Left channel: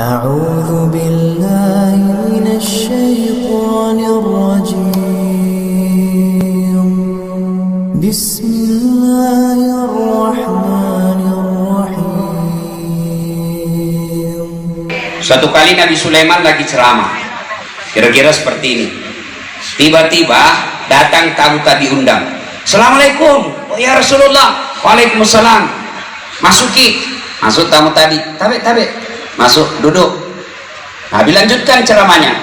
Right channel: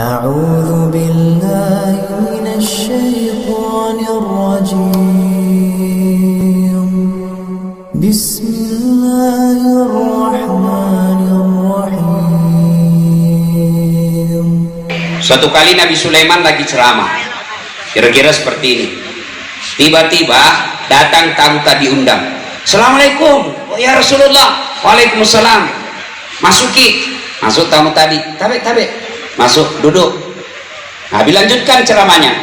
أعوذ بالله من الشيطان الرجيم بسم الله الرحمن الرحيم. Suatu kali Nabi Sulaiman lagi ceramah, kira-kira seperti ini. Tiba-tiba datang tamu tadi undang. Assalamualaikum, oh ya Rasulullah. Waalaikumsalam. Masuk tamu tadi. Tabe. Masuk, duduk. Nabi lanjutkan ceramahnya.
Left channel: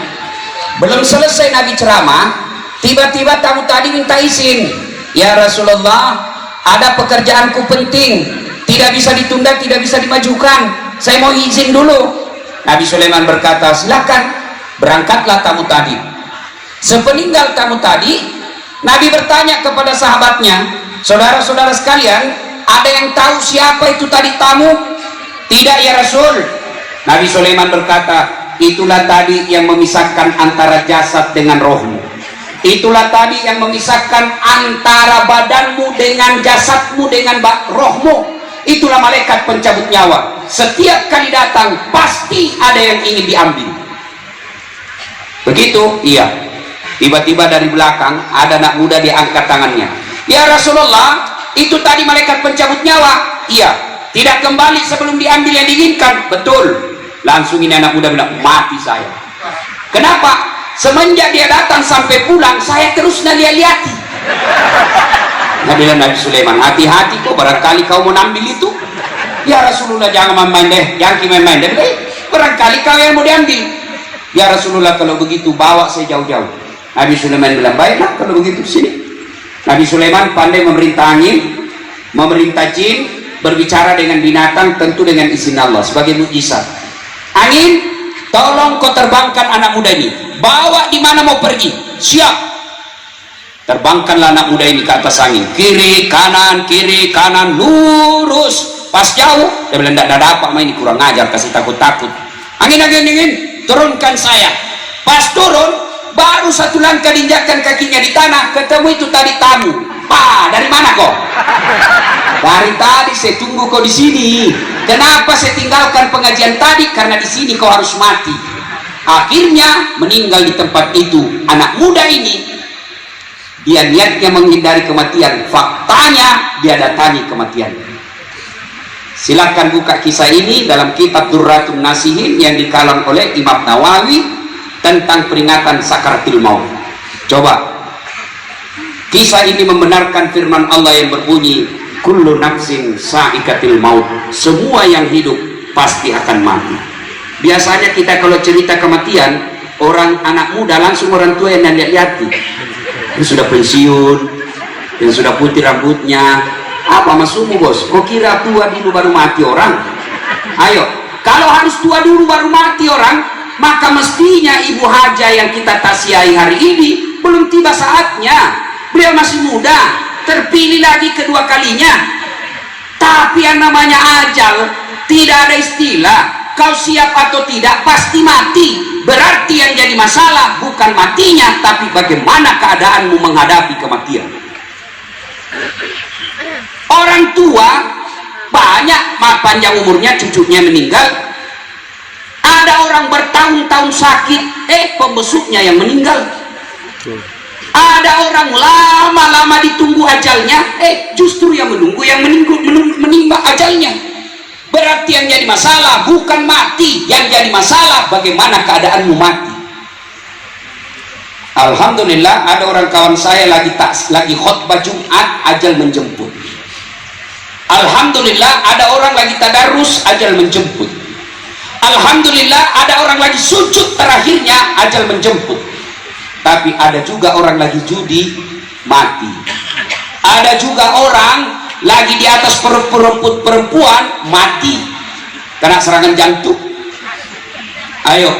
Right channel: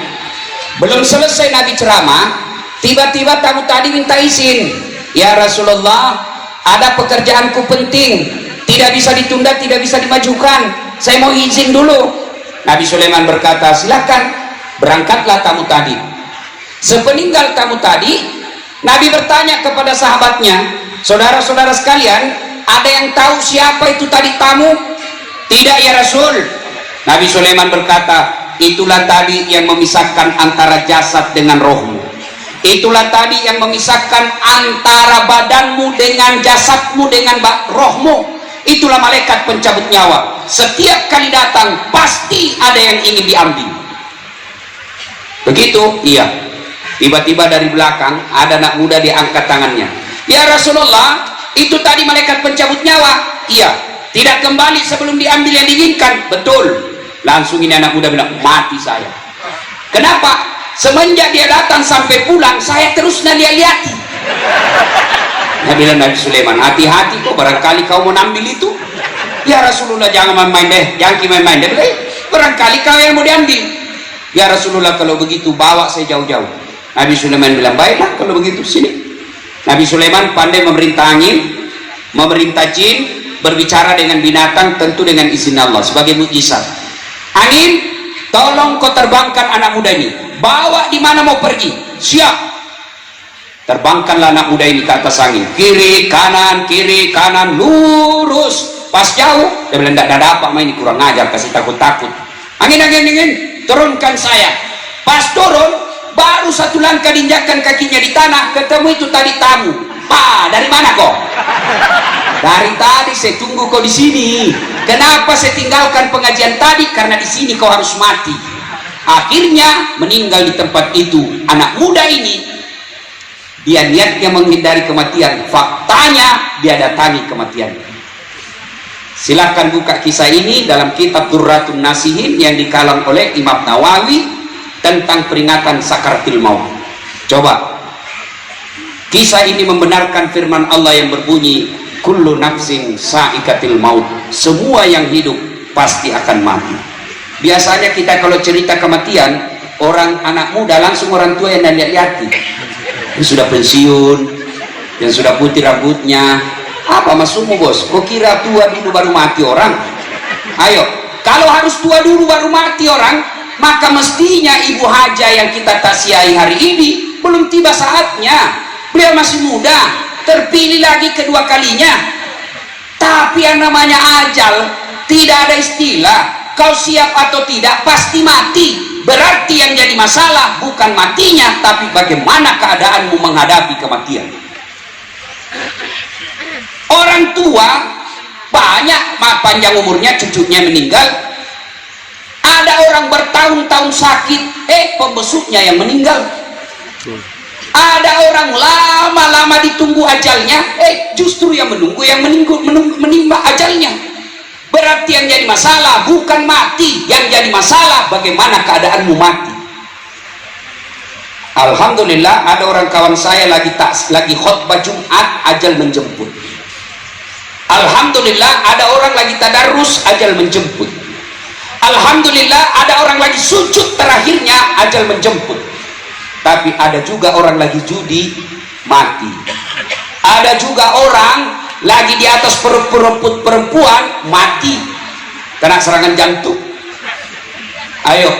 Belum selesai Nabi ceramah, tiba-tiba tamu tadi minta izin. Ya Rasulullah, ada pekerjaanku penting, tidak bisa ditunda, tidak bisa dimajukan. Saya mau izin dulu. Nabi Sulaiman berkata, silakan, berangkatlah tamu tadi. Sepeninggal tamu tadi, Nabi bertanya kepada sahabatnya, saudara-saudara sekalian, ada yang tahu siapa itu tadi tamu? Tidak ya Rasul. Nabi Sulaiman berkata, itulah tadi yang memisahkan antara jasad dengan rohmu. Itulah tadi yang memisahkan antara badanmu dengan jasadmu dengan rohmu. Itulah malaikat pencabut nyawa. Setiap kali datang pasti ada yang ingin diambil. Begitu? Iya. Tiba-tiba dari belakang ada anak muda diangkat tangannya. Ya Rasulullah, itu tadi malaikat pencabut nyawa. Iya. Tidak kembali sebelum diambil yang diinginkan. Betul. Langsung ini anak muda bilang, mati saya. Kenapa? Semenjak dia datang sampai pulang, saya terus lihat-lihati. Nabi Sulaiman, hati-hati kok, barangkali kau mau ambil itu. Ya Rasulullah, jangan main-main deh, jangan main-main deh. Barangkali kau yang mau diambil. Ya Rasulullah, kalau begitu bawa saya jauh-jauh. Nabi Sulaiman bilang, baiklah kalau begitu, sini. Nabi Sulaiman pandai memerintah angin, memerintah jin, berbicara dengan binatang, tentu dengan izin Allah sebagai mukjizat. Angin, tolong kau terbangkan anak muda ini, bawa di mana mau pergi. Siap. Terbangkanlah anak muda ini ke atas angin, kiri kanan lurus. Pas jauh dia bilang, tidak ada apa ini, kurang ajar, kasih takut. Angin, turunkan saya. Pas turun, baru satu langkah diinjakkan kakinya di tanah, ketemu itu tadi tamu. Dari mana kau? Dari tadi saya tunggu kau di sini. Kenapa saya tinggalkan pengajian tadi? Karena di sini kau harus mati. Akhirnya meninggal di tempat itu. Anak muda ini, dia niatnya menghindari kematian. Faktanya dia datangi kematian. Silahkan buka kisah ini dalam kitab Durratun Nasihin yang dikalang oleh Imam Nawawi tentang peringatan sakaratul maut. Coba. Kisah ini membenarkan firman Allah yang berbunyi, kullu nafsin sa'iqatul maut. Semua yang hidup pasti akan mati. Biasanya kita kalau cerita kematian, orang anak muda langsung orang tua yang lihat-lihati. Yang sudah pensiun, yang sudah putih rambutnya. Apa maksudmu bos? Kok kira tua dulu baru mati orang? Ayo, kalau harus tua dulu baru mati orang, maka mestinya Ibu Haja yang kita taziahi hari ini belum tiba saatnya. Beliau masih muda, terpilih lagi kedua kalinya. Tapi yang namanya ajal tidak ada istilah kau siap atau tidak, pasti mati. Berarti yang jadi masalah bukan matinya, tapi bagaimana keadaanmu menghadapi kematian. Orang tua banyak panjang umurnya, cucunya meninggal. Ada orang bertahun-tahun sakit, pembesuknya yang meninggal. Ada orang lama-lama ditunggu ajalnya, justru yang menunggu yang menimba ajalnya. Berarti yang jadi masalah bukan mati, yang jadi masalah bagaimana keadaanmu mati. Alhamdulillah ada orang kawan saya lagi khutbah Jumat, ajal menjemput. Alhamdulillah ada orang lagi tadarus, ajal menjemput. Alhamdulillah ada orang lagi sujud terakhirnya, ajal menjemput. Tapi ada juga orang lagi judi, mati. Ada juga orang lagi di atas perempuan, mati kena serangan jantung. Ayo,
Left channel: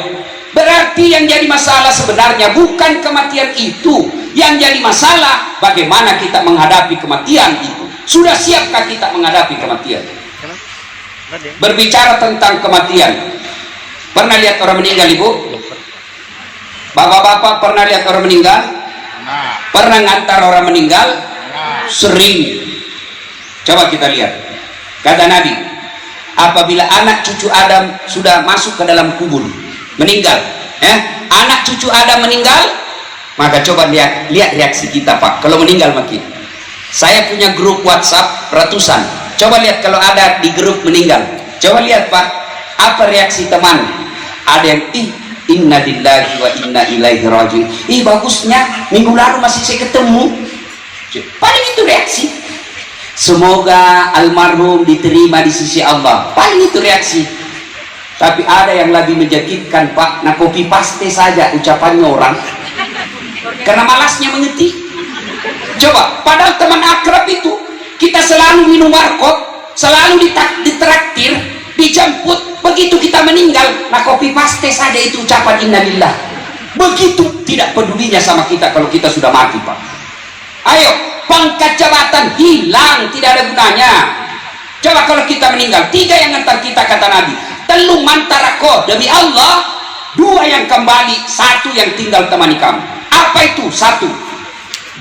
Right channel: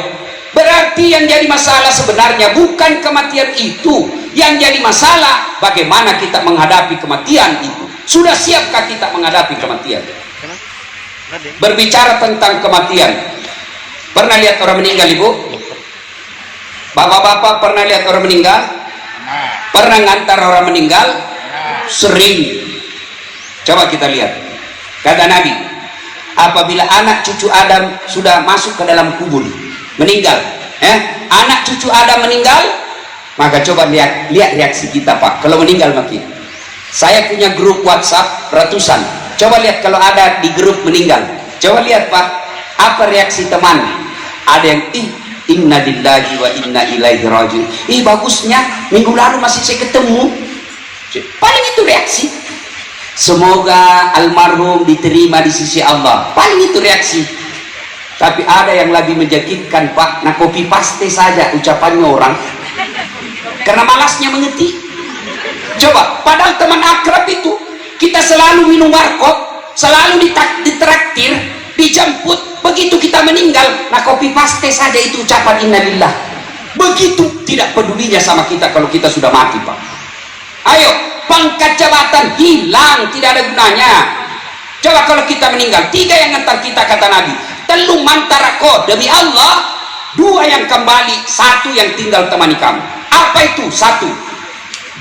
berarti yang jadi masalah sebenarnya bukan kematian itu. Yang jadi masalah bagaimana kita menghadapi kematian itu. Sudah siapkah kita menghadapi kematian? Berbicara tentang kematian, pernah lihat orang meninggal, Ibu? Bapak-bapak pernah lihat orang meninggal? Pernah ngantar orang meninggal? Sering. Coba kita lihat. Kata Nabi, apabila anak cucu Adam sudah masuk ke dalam kubur, meninggal, anak cucu Adam meninggal, maka coba lihat reaksi kita Pak kalau meninggal mati. Saya punya grup WhatsApp ratusan, coba lihat kalau ada di grup meninggal, coba lihat Pak, apa reaksi teman? Ada yang inna lillahi wa inna ilaihi raji'un. Bagusnya minggu lalu masih saya ketemu. Paling itu reaksi. Semoga almarhum diterima di sisi Allah. Paling itu reaksi. Tapi ada yang lebih menyakitkan Pak, nah copy paste saja ucapannya orang karena malasnya mengetik. Coba, padahal teman akrab itu kita selalu minum warkop, selalu ditraktir, dijemput, begitu kita meninggal, nah copy paste saja itu ucapan innalillah. Begitu tidak pedulinya sama kita kalau kita sudah mati Pak. Ayo, pangkat jabatan hilang, tidak ada gunanya. Coba kalau kita meninggal, 3 yang ngantar kita kata Nabi, telu mantarako demi Allah, 2 yang kembali, 1 yang tinggal temani kamu. Apa itu? 1,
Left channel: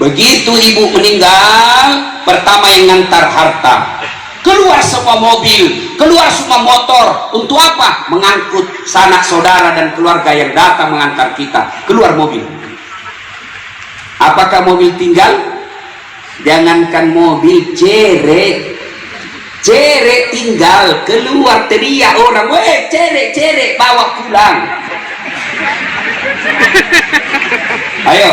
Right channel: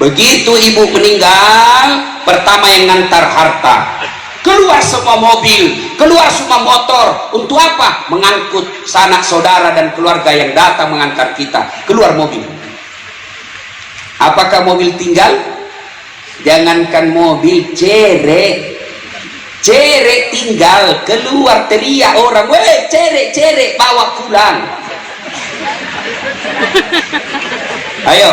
begitu ibu meninggal, pertama yang ngantar harta, keluar semua mobil, keluar semua motor. Untuk apa? Mengangkut sanak saudara dan keluarga yang datang mengantar kita. Keluar mobil. Apakah mobil tinggal? Jangankan mobil, cerek tinggal, keluar teriak orang, weh cerek bawa pulang. Ayo,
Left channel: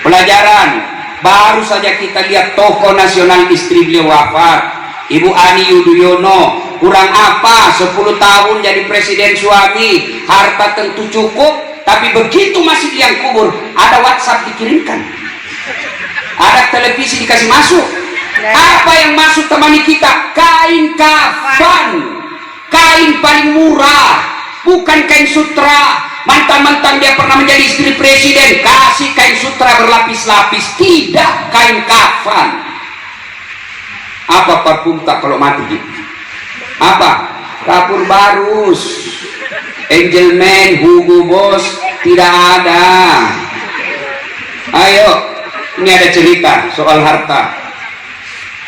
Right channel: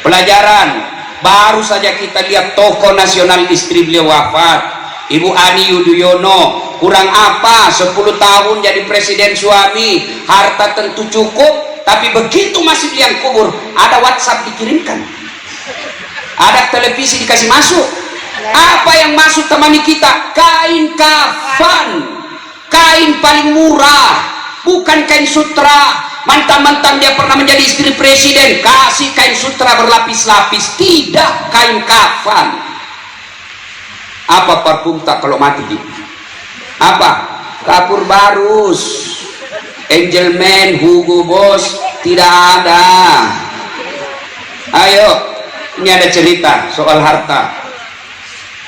pelajaran. Baru saja kita lihat tokoh nasional istri beliau wafat, Ibu Ani Yudhoyono. Kurang apa 10 tahun jadi presiden suami, harta tentu cukup, tapi begitu masuk liang kubur ada WhatsApp dikirimkan, ada televisi dikasih masuk. Apa yang masuk temani kita? Kain kafan, kain paling murah, bukan kain sutra. Mantan-mantan dia pernah menjadi istri presiden, kasih kain sutra berlapis-lapis, tidak, kain kafan. Apa parfum tak kalau mati gitu? Apa? Kapur Barus, Angelman, Hugo Boss, tidak ada. Ayo, ini ada cerita soal harta.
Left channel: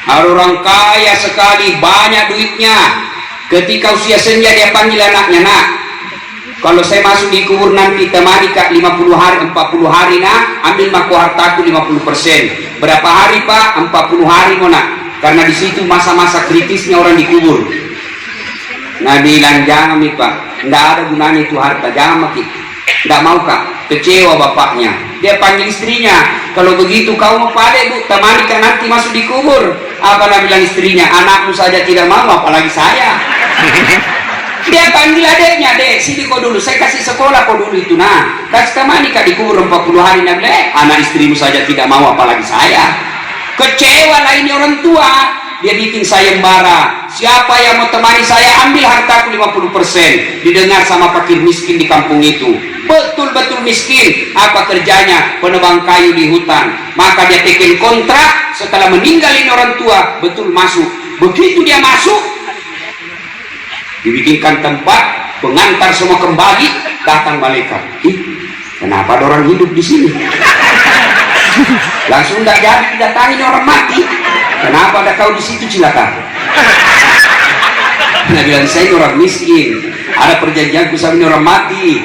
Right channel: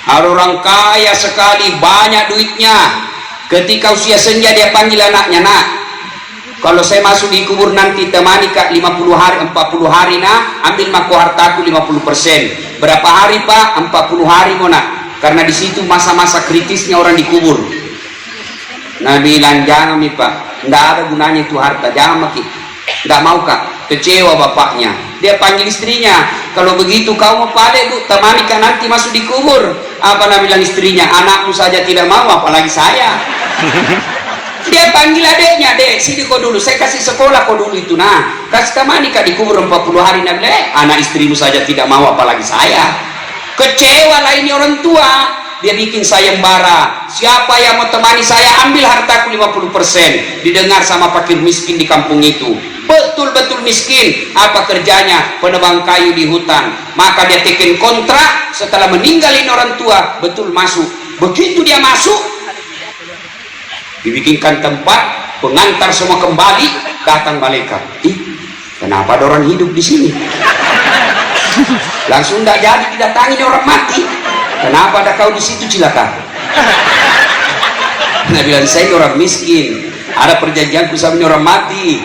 Ada orang kaya sekali, banyak duitnya. Ketika usia senja dia panggil anaknya, nak, kalau saya masuk di kubur nanti temani Kak 50 hari, 40 hari nak, ambil mako hartaku 50%. Berapa hari Pak? 40 hari mau nak. Karena di situ masa-masa kritisnya orang dikubur. Nah bilang jangan nih Pak, nggak ada gunanya itu harta, jangan makin. Nggak mau Kak, kecewa bapaknya. Dia panggil istrinya, kalau begitu kau mau pade bu, temani Kak nanti masuk di kubur. Apa nak bilang istrinya? Anakmu saja tidak mau, apalagi saya. Dia panggil adeknya, dek sini kau dulu, saya kasih sekolah kau dulu itu, nah kasih temani Kak dikubur 40 hari. Nah anak istrimu saja tidak mau, apalagi saya. Kecewa lah ini orang tua. Dia bikin sayembara, siapa yang mau temani saya ambil hartaku 50%. Didengar sama fakir miskin di kampung itu, betul-betul miskin. Apa kerjanya? Penebang kayu di hutan. Maka dia bikin kontrak, setelah meninggal ini orang tua, betul masuk. Begitu dia masuk, dibikinkan tempat, pengantar semua kembali, datang malaikat. Kenapa ada orang hidup di sini? Langsung tidak jadi didatangi orang mati. Kenapa ada kau di situ cilaka? Nah bilang saya ini orang miskin, ada perjanjian bisa ini orang mati.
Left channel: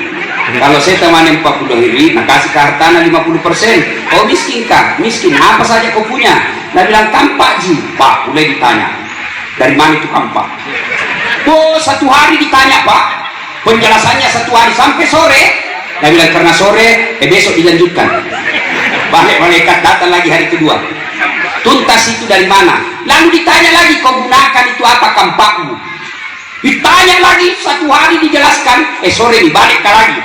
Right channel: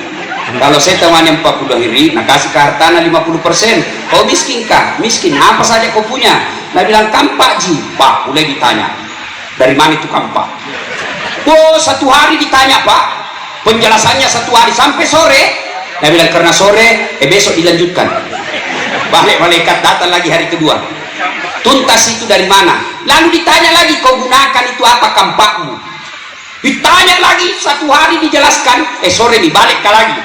Kalau saya temani 40 hari, nah kasih ke hartana 50%. Kau miskin kah? Miskin. Apa saja kau punya? Nah bilang kampak ji. Pak, boleh ditanya. Dari mana itu kampak? Oh 1 hari ditanya Pak. Penjelasannya 1 hari sampai sore. Nah bilang karena sore, besok dilanjutkan. Balik malaikat datang lagi hari kedua. Tuntas itu dari mana? Lalu ditanya lagi, kau gunakan itu apa kampakmu? Ditanya lagi, 1 hari dijelaskan, sore dibalik lagi.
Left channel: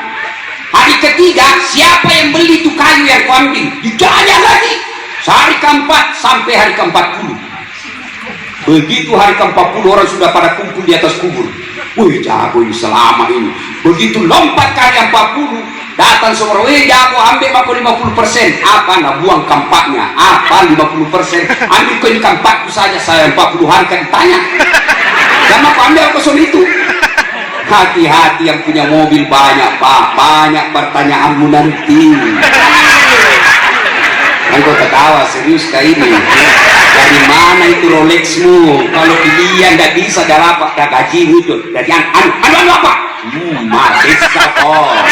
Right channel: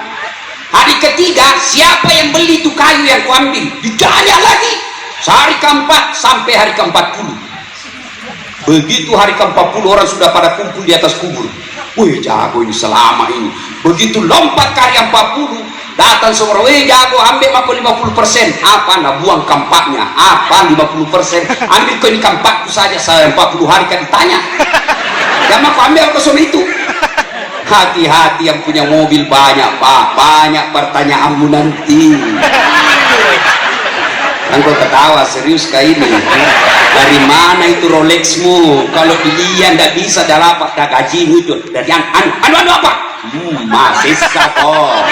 Hari ketiga, siapa yang beli itu kayu yang kau ambil? Ditanya lagi, hari keempat sampai hari ke-40. Begitu hari ke-40 orang sudah pada kumpul di atas kubur. Wih jago ini selama ini. Begitu lompat ke hari 40, datang semua, weh jago ambil aku 50%. Apa? Nah buang kampaknya. Apa 50%? Ambil ke ini kampakku saja, saya 40 hari kan ditanya. Dan aku ambil kosong itu. Hati-hati yang punya mobil banyak Pak, banyak pertanyaanmu nanti. Engkau ketawa serius kah ini? Dari mana itu Rolexmu? Kalau dilihat tidak bisa dapat gajimu itu. Dari anu apa? Masih kok.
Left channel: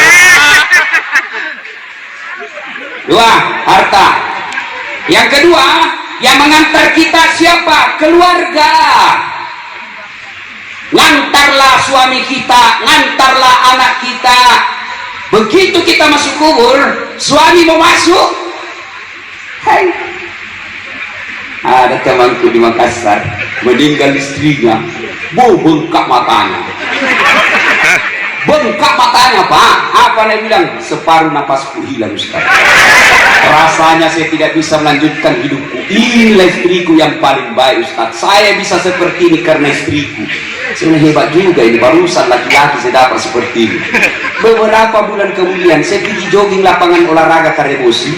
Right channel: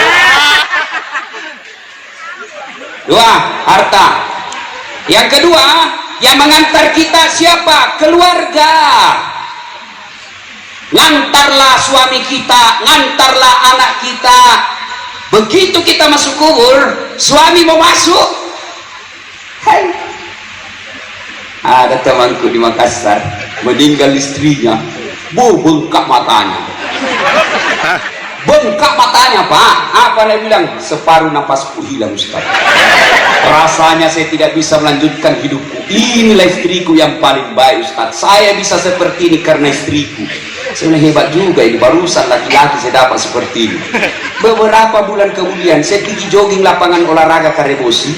Dua, harta. Yang kedua, yang mengantar kita siapa? Keluarga. Ngantarlah suami kita, ngantarlah anak kita. Begitu kita masuk kubur, suami mau masuk. Hai. Ada temanku di Makassar, meninggal istrinya, bengkak matanya. Bengkak matanya, Pak. Apa dia bilang? Separuh napasku hilang Ustaz. Rasanya saya tidak bisa melanjutkan hidupku. Inilah istriku yang paling baik Ustaz. Saya bisa seperti ini karena istriku. Saya hebat juga ini, barusan laki-laki saya dapat seperti ini. Beberapa bulan kemudian saya pergi jogging lapangan olahraga Karebosi,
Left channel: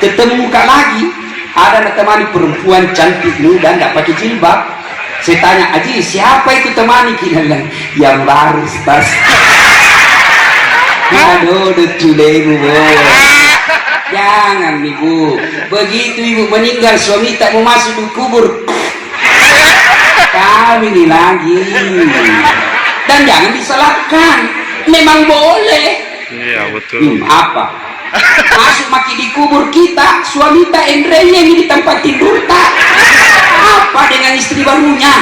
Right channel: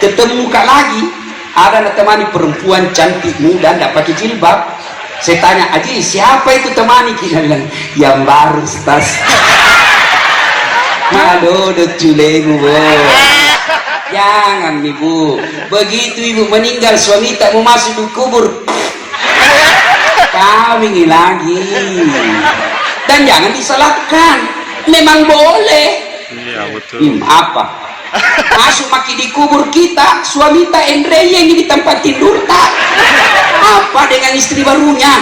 ketemu muka lagi, ada temani perempuan cantik muda tidak pakai jilbab. Saya tanya, Aji siapa itu temani? Kita bilang yang baru Ustaz. Aduh dutule ibu, jangan ibu begitu. Ibu meninggal, suami tak mau masuk di kubur, kami ini lagi. Dan jangan disalahkan, memang boleh. Iya betul. Apa masuk maki di kubur kita, suami tak yang di tempat tidur tak apa dengan istri barunya.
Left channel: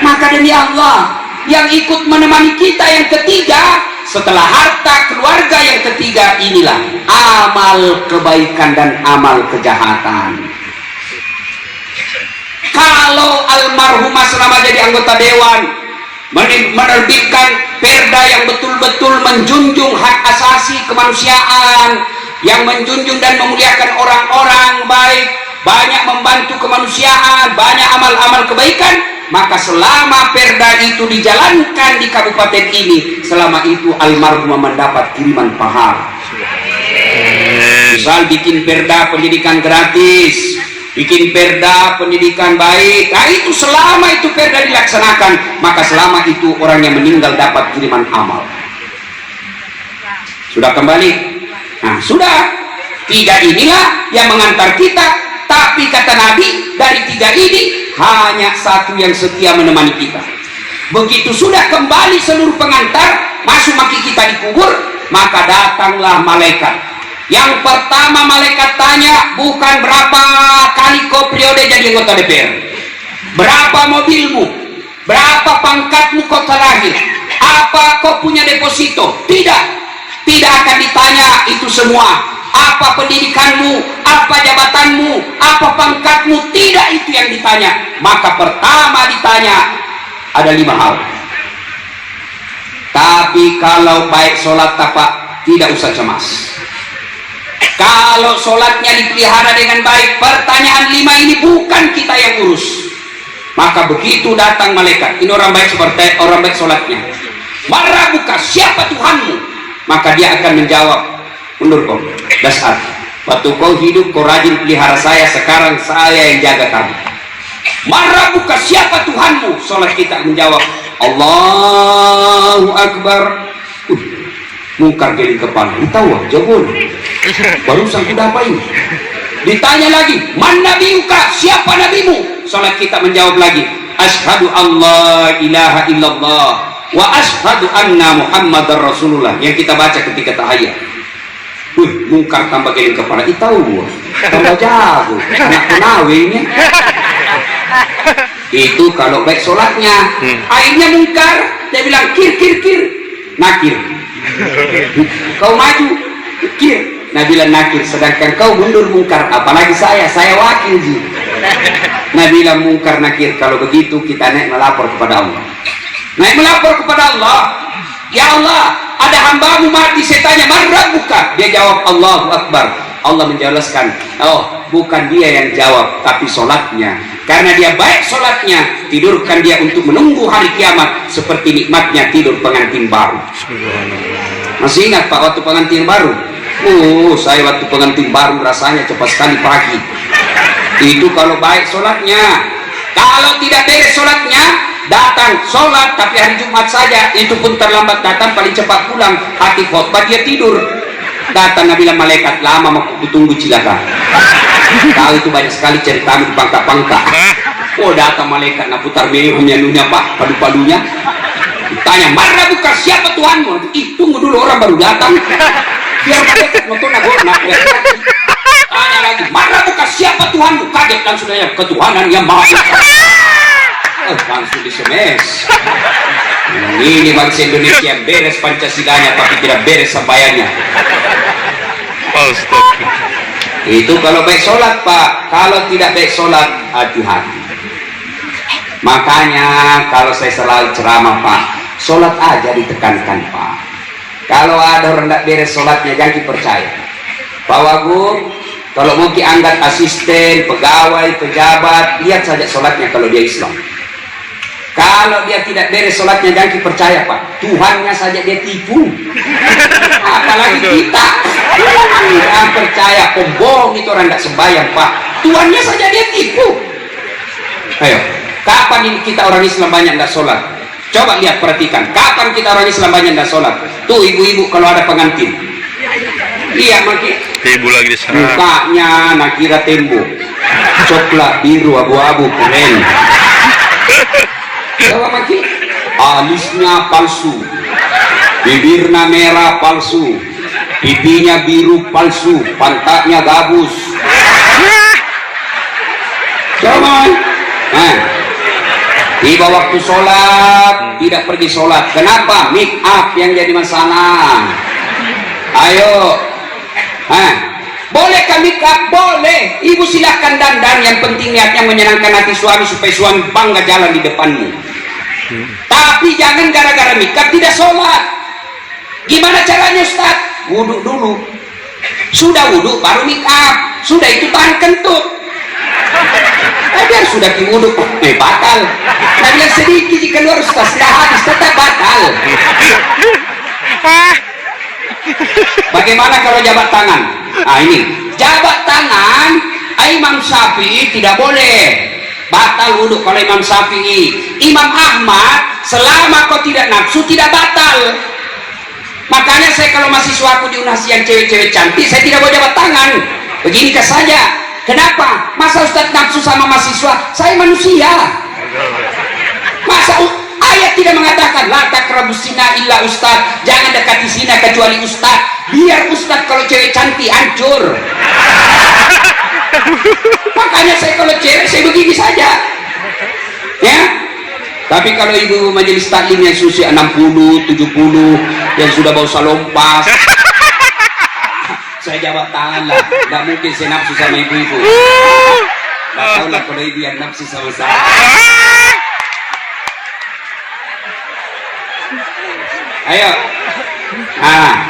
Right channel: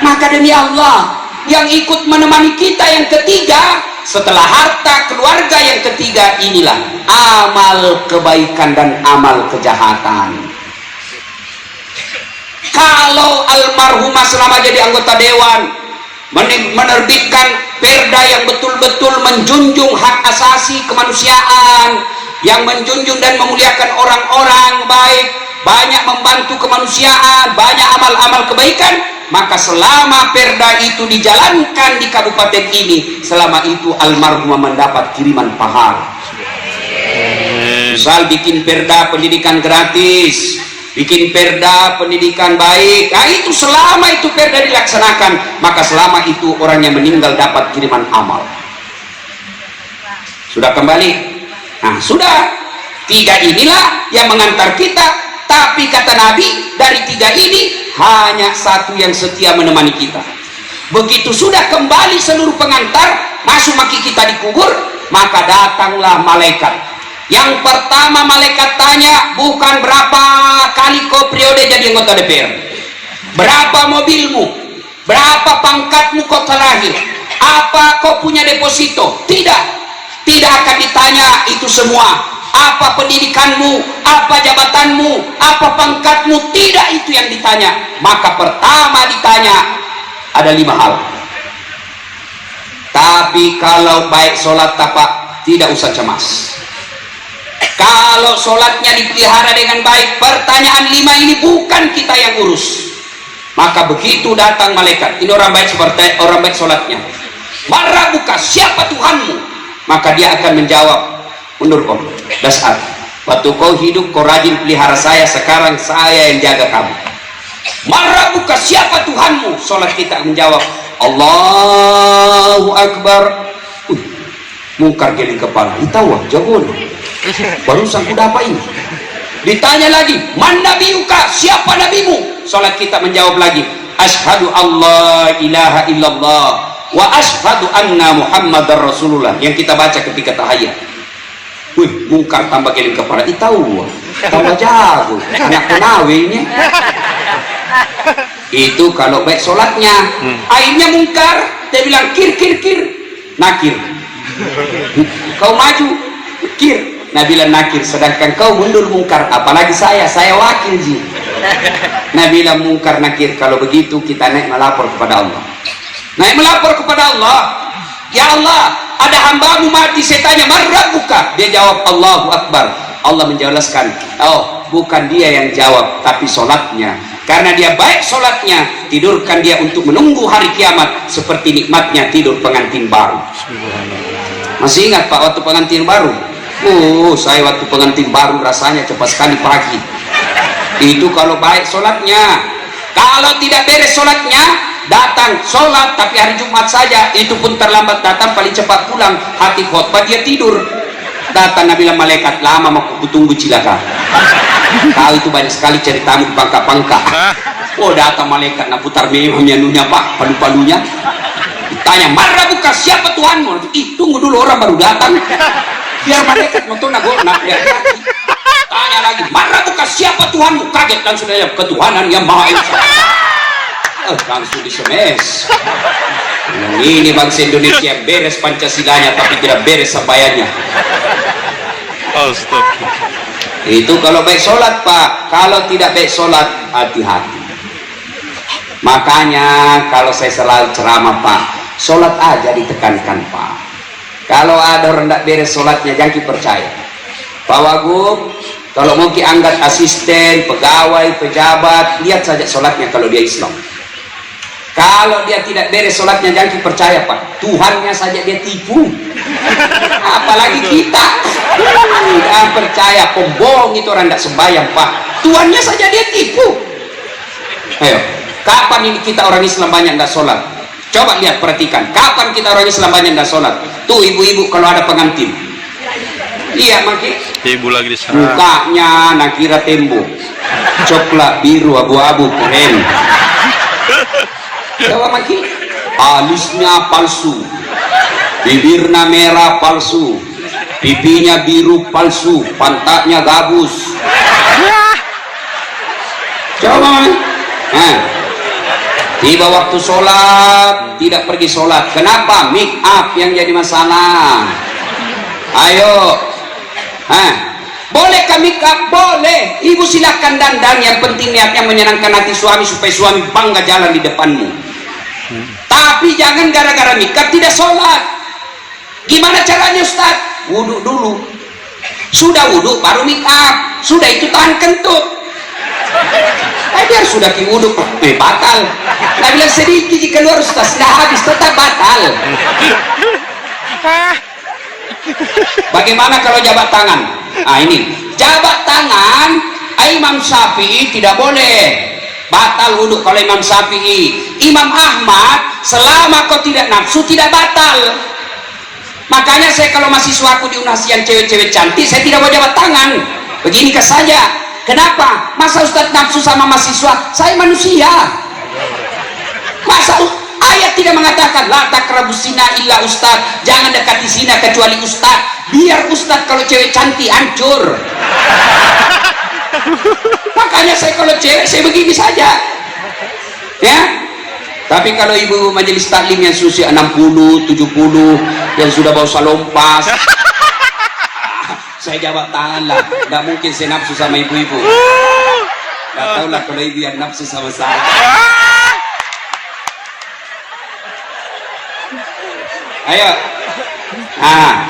Maka demi Allah, yang ikut menemani kita yang ketiga setelah harta keluarga, yang ketiga inilah amal kebaikan dan amal kejahatan. Kalau almarhumah selama jadi anggota dewan menerbitkan perda yang betul-betul menjunjung hak asasi kemanusiaan, yang menjunjung dan memuliakan orang-orang baik, banyak membantu kemanusiaan, banyak amal-amal kebaikan, maka selama perda itu dijalankan di kabupaten ini, selama itu almarhumah mendapat kiriman pahala. Misal bikin perda pendidikan gratis, bikin perda pendidikan baik, nah itu selama itu perda dilaksanakan, maka selama itu orang yang meninggal dapat kiriman amal. Sudah kembali? Nah sudah, tiga inilah yang mengantar kita. Tapi kata Nabi, dari tiga ini hanya satu yang setia menemani kita. Begitu sudah kembali seluruh pengantar, masuk maki kita di kubur, maka datanglah malaikat. Yang pertama malaikat tanya, bukan berapa kali kau periode jadi anggota DPR, berapa mobilmu, berapa pangkatmu kau terakhir, apa kau punya deposito. Tidak akan ditanya itu semua. Apa pendidikanmu, apa jabatanmu, apa pangkatmu, tidak itu yang ditanya. Maka pertama ditanya ada 5 hal. Tapi kalau baik sholat tapak, tidak usah cemas. Kalau sholatnya dipelihara dengan baik, pertanyaan 5 ini bukan kita yang urus. Maka begitu datang malaikat, ini orang baik seperti orang baik sholatnya, marah buka, siapa Tuhanmu? Maka dia akan menjawab, mundur kau, dasar. Waktu kau hidup kau rajin pelihara saya, sekarang saya yang jaga kamu. Marah buka, siapa Tuhanmu? Sholat kita menjawab, Allahu Akbar. Mungkar geling kepala, tahu jawab. Barusan kuda apa ini? Ditanya lagi, man nabiyuka, siapa nabimu? Sholat kita menjawab lagi, asyhadu Allah ilaha illallah wa asyhadu anna Muhammadar Rasulullah, yang kita baca ketika tahiyat. Mungkar tambah geling kepala, tahu tambah jago, anak penawinnya. Itu kalau baik sholatnya. Akhirnya mungkar, dia bilang kir, nakir. Kau maju, kir. Nabi bilang nakir, sedangkan kau mundur mungkar, apalagi saya wakil ji. Nabi bilang mungkar nakir. Kalau begitu kita naik melapor kepada Allah. Naik melapor kepada Allah, ya Allah, ada hambamu mati, saya tanya marah buka, dia jawab Allahu Akbar. Allah menjelaskan, oh bukan dia yang jawab, tapi sholatnya. Karena dia baik sholatnya, tidurkan dia untuk menunggu hari kiamat, seperti nikmatnya tidur pengantin baru. Masih ingat Pak waktu pengantin baru? Saya waktu pengantin baru rasanya cepat sekali pagi. Itu kalau baik sholatnya. Kalau tidak beres sholatnya, datang sholat tapi hari Jumat saja, itu pun terlambat datang, paling cepat pulang. Hati khotbah dia tidur. Datang Nabi malaikat, lama mau tunggu cilaka. Tahu itu banyak sekali cerita di pangka-pangka. Oh, datang malaikat nak putar menunya pak, palu-palunya. Tanya, marah buka siapa Tuhanmu? Tunggu dulu orang baru datang. Biar malaikat nonton nak lihat. Tanya lagi, marah buka siapa Tuhanmu? Kaget langsung aja, ketuhanan yang maha esa. Langsung disemes. Ini bangsa Indonesia beres Pancasilanya tapi tidak beres sabayanya. Itu kalau baik sholat pak, kalau tidak baik sholat hati-hati. Makanya kalau saya selalu ceramah pak, sholat aja ditekankan pak. Kalau ada orang tidak beres sholatnya jangan percaya. Pak Wagub, kalau mau diangkat asisten, pegawai, pejabat, lihat saja sholatnya kalau dia Islam. Kalau dia tidak beres sholatnya jangan percaya pak, Tuhannya saja dia tipu, apalagi kita. Jangan percaya, pembohong itu orang tidak sembahyang pak, Tuhannya saja dia tipu. Ayo, kapan ini kita orang Islam banyak tidak sholat? Coba lihat, perhatikan, kapan kita orang Islam banyak tidak sholat? Tuh ibu-ibu kalau ada pengantin, iya makin ibu lagi di sana, mukanya nak kira tembok coklat biru abu-abu keren. Coba makin alisnya palsu, bibirnya merah palsu, pipinya biru palsu, pantatnya gabus. Coba tiba waktu sholat tidak pergi sholat. Kenapa? Make up yang jadi masalah. Ayo, bolehkah make up? Boleh. Ibu silahkan dandan, yang penting niatnya menyenangkan hati suami supaya suami bangga jalan di depanmu. Tapi jangan gara-gara make up tidak sholat. Gimana caranya Ustaz? Wudhu dulu. Sudah wudhu baru make up. Sudah itu tahan kentut. Biar sudah wudhu batal. Nah bilang sedikit jika keluar Ustaz sudah habis tetap batal. Bagaimana kalau jabat tangan? Ini jabat tangan Imam Syafi'i tidak boleh, batal wudhu kalau Imam Syafi'i. Imam Ahmad selama kau tidak nafsu tidak batal. Makanya saya kalau mahasiswaku di UNAS yang cewek-cewek cantik saya tidak mau jabat tangan. Begini ke saja. Kenapa? Masa Ustaz nafsu sama mahasiswa? Saya manusia. Masa ayat tidak mengatakan la taqrabus zina illa Ustaz, jangan dekati zina kecuali Ustaz. Biar Ustaz kalau cewek cantik hancur. Makanya saya kalau cewek saya begini saja. Ya. Tapi kalau ibu majelis taklim yang usia 60, 70 yang sudah bau salompas, saya jawab tangan lah. Nggak mungkin saya nafsu sama ibu-ibu. Nggak tahu lah kalau ibu yang nafsu sama saya. Ayo.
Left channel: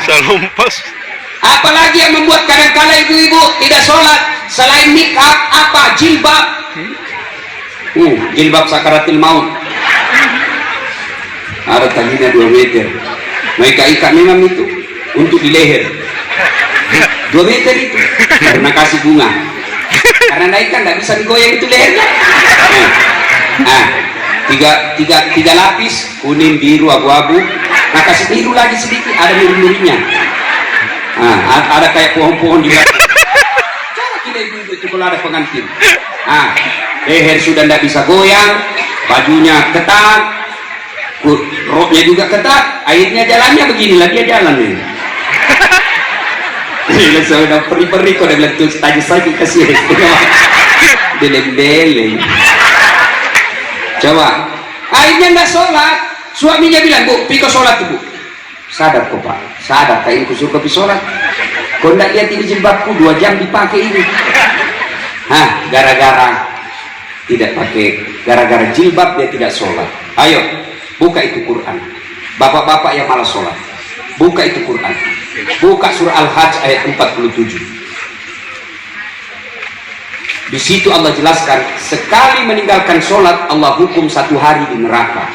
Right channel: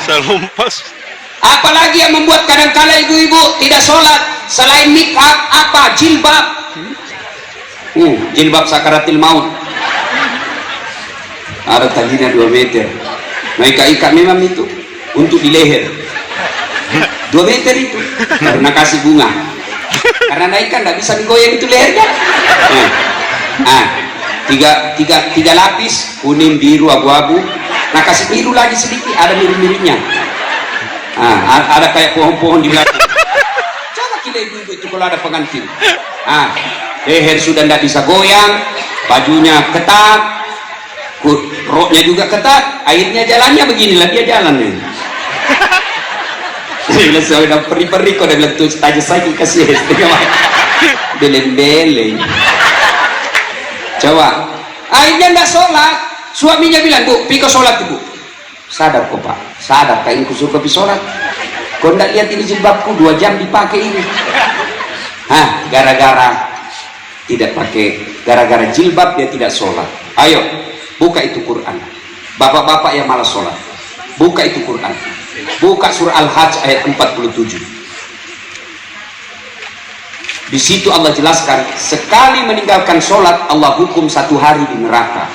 salumpas. Apalagi yang membuat kadang-kala ibu-ibu tidak sholat selain nikah apa? Jilbab. Jilbab sakaratil maut. Ada talinya 2 meter. Mereka ikat memang itu untuk di leher. 2 meter itu karena kasih bunga. Karena naikkan tidak bisa digoyang itu lehernya. Tiga lapis, kuning, biru, abu-abu. Nah kasih biru lagi sedikit, ada biru-birunya. Ada kayak pohon-pohon di belakang. Coba kita ibu itu kalau ada pengantin. Leher sudah tidak bisa goyang, bajunya ketat, roknya juga ketat, airnya jalannya beginilah dia jalannya. Saya udah peri-peri kok udah bilang tuh aja saja kasih beleng-beleng. Coba akhirnya nggak sholat, suaminya bilang bu, piko sholat bu. Sadar kok pak, sadar tak ini kusuruh kopi sholat. Kau nggak lihat ini jilbabku 2 jam dipakai ini. Gara-gara tidak pakai, gara-gara jilbab dia tidak sholat. Ayo buka itu Quran. Bapak-bapak yang malas sholat, buka itu Quran. Buka surah Al-Hajj ayat 47. Di situ Allah jelaskan, sekali meninggalkan sholat Allah hukum 1 hari di neraka.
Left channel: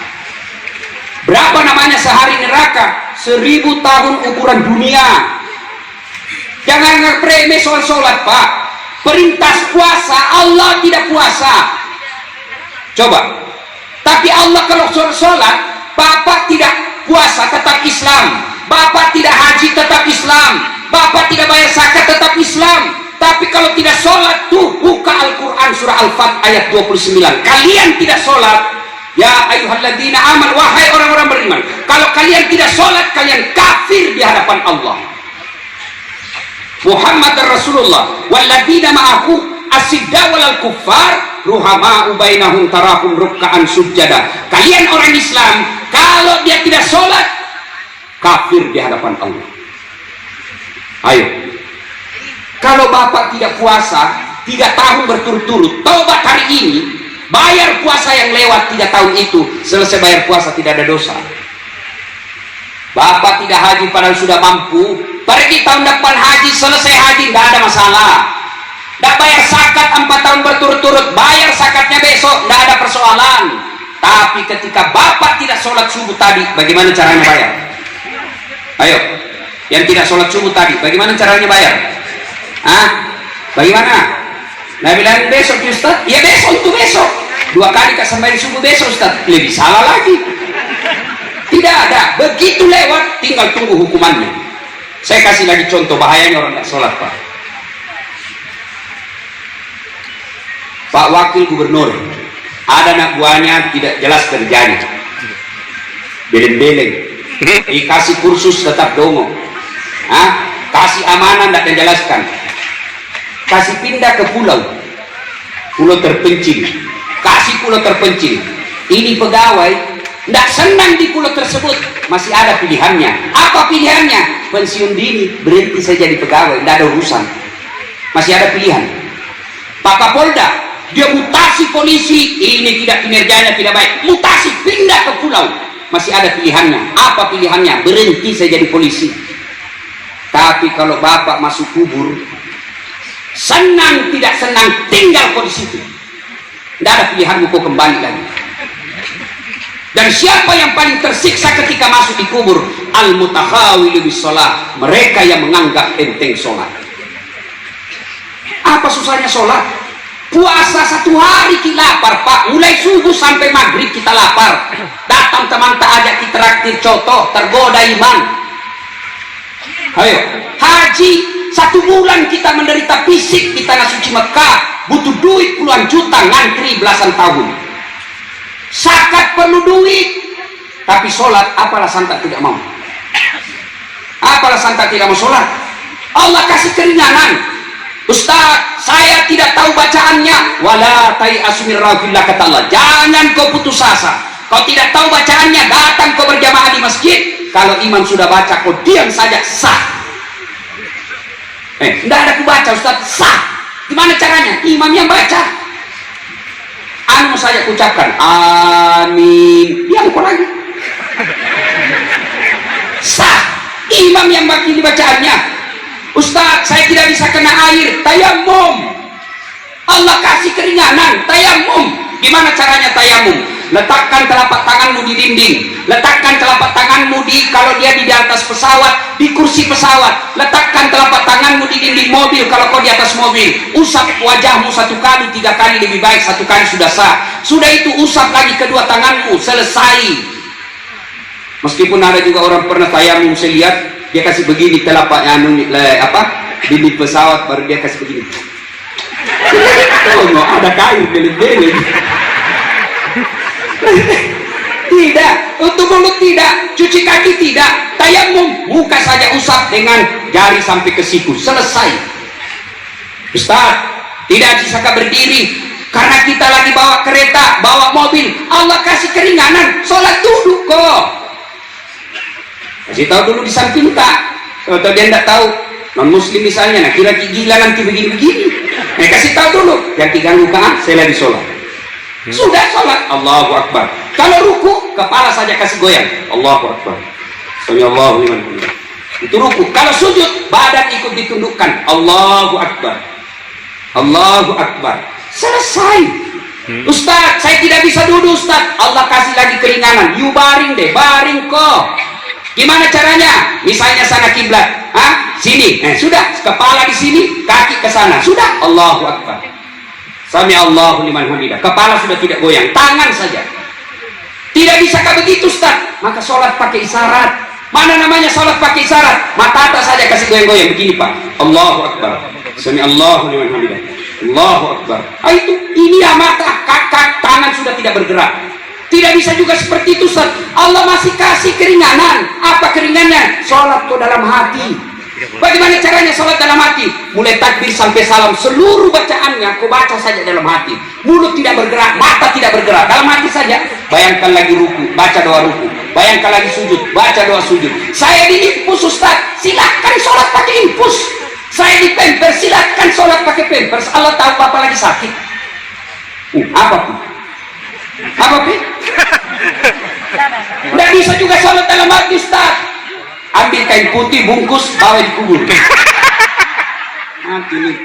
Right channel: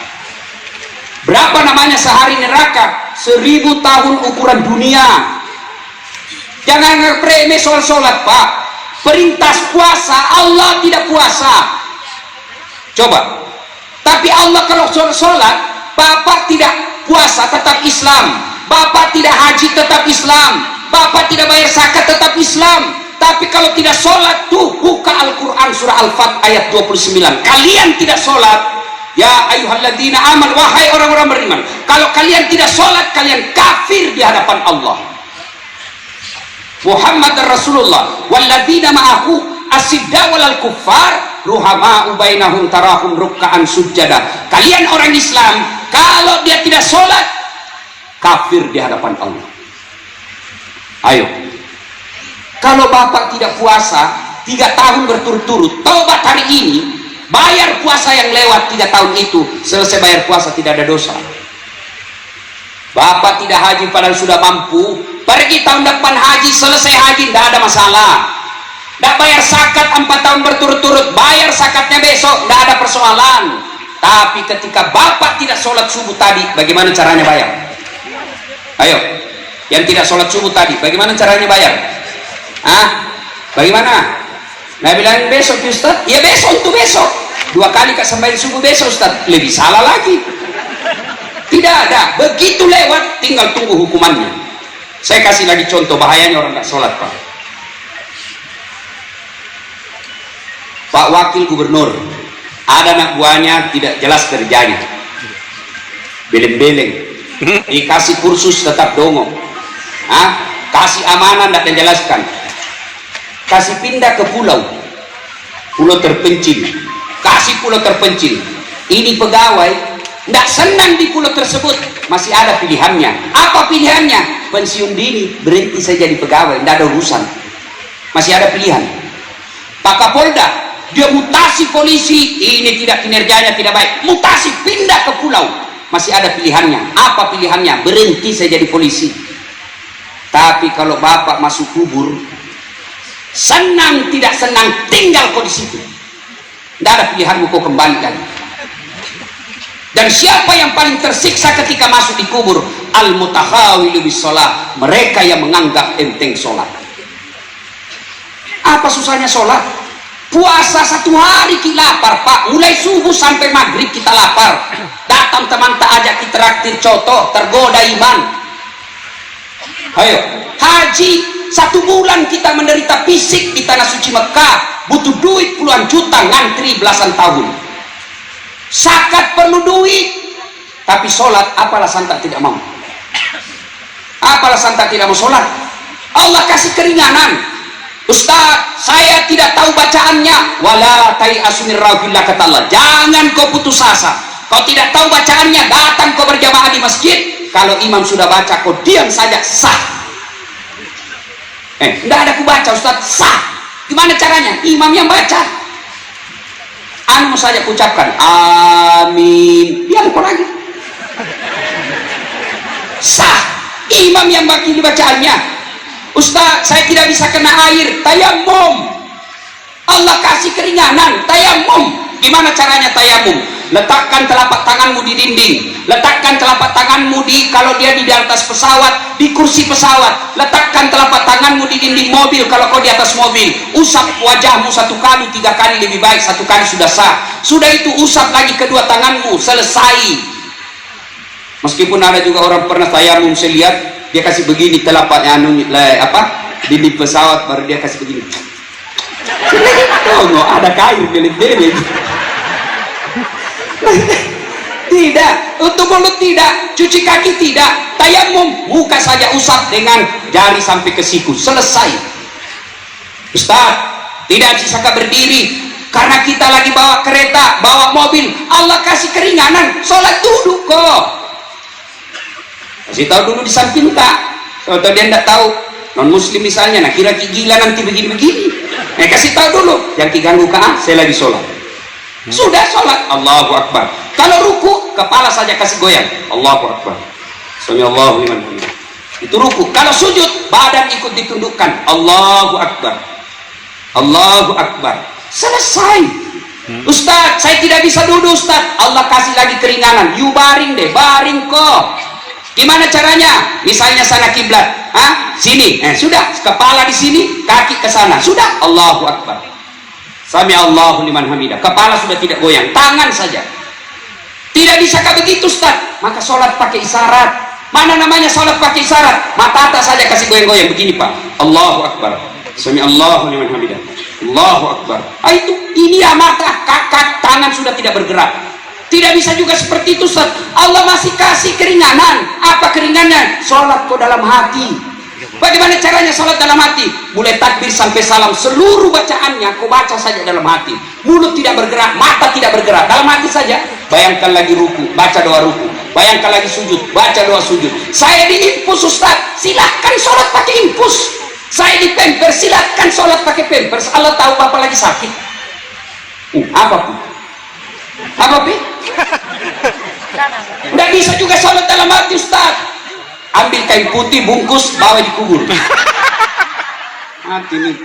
Berapa namanya sehari neraka? 1000 tahun ukuran dunia. Jangan ngeremeh soal sholat pak. Perintah puasa Allah tidak puasa. Coba. Tapi Allah kalau sholat, bapak tidak puasa tetap Islam. Bapak tidak haji tetap Islam. Bapak tidak bayar zakat tetap Islam. Tapi kalau tidak sholat tuh, buka Al-Quran surah Al-Fat ayat 29. Kalian tidak sholat, ya ayyuhalladzina aman, wahai orang-orang beriman, kalau kalian tidak sholat, kalian kafir di hadapan Allah. Muhammad Rasulullah walladzina ma'ahu asidda walal kuffar ruhama'u bainahum tarahum ruk'an sujada. Kalian orang Islam, kalau dia tidak sholat, kafir di hadapan Allah. Ayo, kalau bapak tidak puasa 3 tahun berturut-turut, tobat hari ini, bayar puasa yang lewat 3 tahun itu, selesai bayar puasa tidak ada dosa. Bapak tidak haji padahal sudah mampu, pergi tahun depan haji, selesai haji tidak ada masalah. Tidak bayar zakat 4 tahun berturut-turut, bayar zakatnya besok, tidak ada persoalan. Tapi ketika bapak tidak sholat subuh tadi, bagaimana caranya bayar? Ayo, yang tidak sholat subuh tadi, bagaimana caranya bayar? Bagaimana? Nah bilang besok Ustaz, ya besok itu besok. 2 kali kesembahyang subuh besok Ustaz, lebih salah lagi. Tidak ada, begitu lewat tinggal tunggu hukumannya. Saya kasih lagi contoh bahayanya orang tidak sholat, Pak. Pak Wakil Gubernur, ada anak buahnya tidak jelas kerjanya, beleng-beleng, dikasih kursus tetap dongo, kasih amanah tidak dijelaskan, kasih pindah ke pulau terpencil, kasih pulau terpencil. Ini pegawai tidak senang di pulau tersebut, masih ada pilihannya. Apa pilihannya? Pensiun dini, berhenti saja di pegawai, tidak ada urusan, masih ada pilihan. Pak Kapolda, dia mutasi polisi, ini tidak, kinerjanya tidak baik, mutasi pindah ke pulau, masih ada pilihannya. Apa pilihannya? Berhenti saja di polisi. Tapi kalau bapak masuk kubur, senang tidak senang tinggal kau di situ, tidak ada pilihanmu, kau kembali lagi. Dan siapa yang paling tersiksa ketika masuk di kubur? Al-mutahawilu bis-shalah, mereka yang menganggap enteng sholat. Apa susahnya sholat? Puasa 1 hari kita lapar, Pak, mulai subuh sampai maghrib kita lapar. Datang teman tak ajak kita traktir coto, tergoda iman. Ayo, haji 1 bulan kita menderita fisik di tanah suci Mekah, butuh duit puluhan juta, ngantri belasan tahun. Zakat perlu duit, tapi sholat apa alasan tak tidak mau? Apa alasan tak tidak mau sholat? Allah kasih keringanan. Ustaz, saya tidak tahu bacaannya. Wala tai'asu min rauhillah, kata Allah. Jangan kau putus asa. Kau tidak tahu bacaannya, datang kau berjamaah di masjid. Kalau imam sudah baca, kau diam saja, sah. Tidak ada ku baca Ustaz, sah. Gimana caranya? Imam yang baca. Anu saja ucapkan amin, diam kau lagi, sah. Imam yang bagi bacaannya. Ustaz, saya tidak bisa kena air, tayamum. Allah kasih keringanan, tayamum. Gimana caranya tayamum? Letakkan telapak tanganmu di dinding, letakkan telapak tanganmu kalau dia di atas pesawat, di kursi pesawat, letakkan telapak tanganmu di dinding mobil kalau kau di atas mobil. Usap wajahmu 1 kali, 3 kali lebih baik, 1 kali sudah sah. Sudah itu usap lagi kedua tanganmu, selesai. Meskipun ada juga orang pernah tayamum, saya lihat dia kasih begini telapaknya, dinding pesawat, baru dia kasih begini. Oh, no, ada kayu beling-beling. Tidak, untuk mulut tidak, cuci kaki tidak, tayamum, muka saja usap dengan jari sampai ke siku, selesai. Ustaz, tidak bisa berdiri karena kita lagi bawa kereta, bawa mobil. Allah kasih keringanan, sholat duduk kok. Kasih tahu dulu di samping tak, kalau dia tidak tahu, non muslim misalnya, nah kira gila nanti begini-begini, nah kasih tahu dulu, yang diganggu kan, saya lagi sholat. Sudah sholat, Allahu Akbar. Kalau ruku, kepala saja kasih goyang, Allahu Akbar. Sami'allahu liman hamidah. Itu ruku. Kalau sujud, badan ikut ditundukkan, Allahu Akbar. Allahu Akbar. Selesai. Ustaz, saya tidak bisa duduk Ustaz. Allah kasih lagi keringanan. You baring deh, baring kok. Gimana caranya? Misalnya sana kiblat, sini, sudah, kepala di sini, kaki ke sana, sudah, Allahu Akbar. Sami'allahu liman hamidah. Kepala sudah tidak goyang, tangan saja. Tidak bisakah begitu Ustaz? Maka sholat pakai isyarat. Mana namanya sholat pakai isyarat? Mata atas saja kasih goyang-goyang begini Pak. Allahu Akbar. Sami Allahu liman hamidah. Allahu Akbar. Ini ya mata, tangan sudah tidak bergerak. Tidak bisa juga seperti itu Ustaz. Allah masih kasih keringanan. Apa keringannya? Sholat kau dalam hati. Bagaimana caranya sholat dalam hati? Mulai takbir sampai salam, seluruh bacaannya kau baca saja dalam hati. Mulut tidak bergerak, mata tidak bergerak, dalam hati saja. Bayangkan lagi ruku, baca doa ruku. Bayangkan lagi sujud, baca doa sujud. Saya di infus Ustaz, silahkan sholat pakai infus. Saya di pampers, silahkan sholat pakai pampers. Allah tahu Bapak lagi sakit. Apa pun? Apa pun? Tidak bisa juga sholat dalam hati Ustaz. Ambil kain putih, bungkus, bawa dikubur. Mati nih.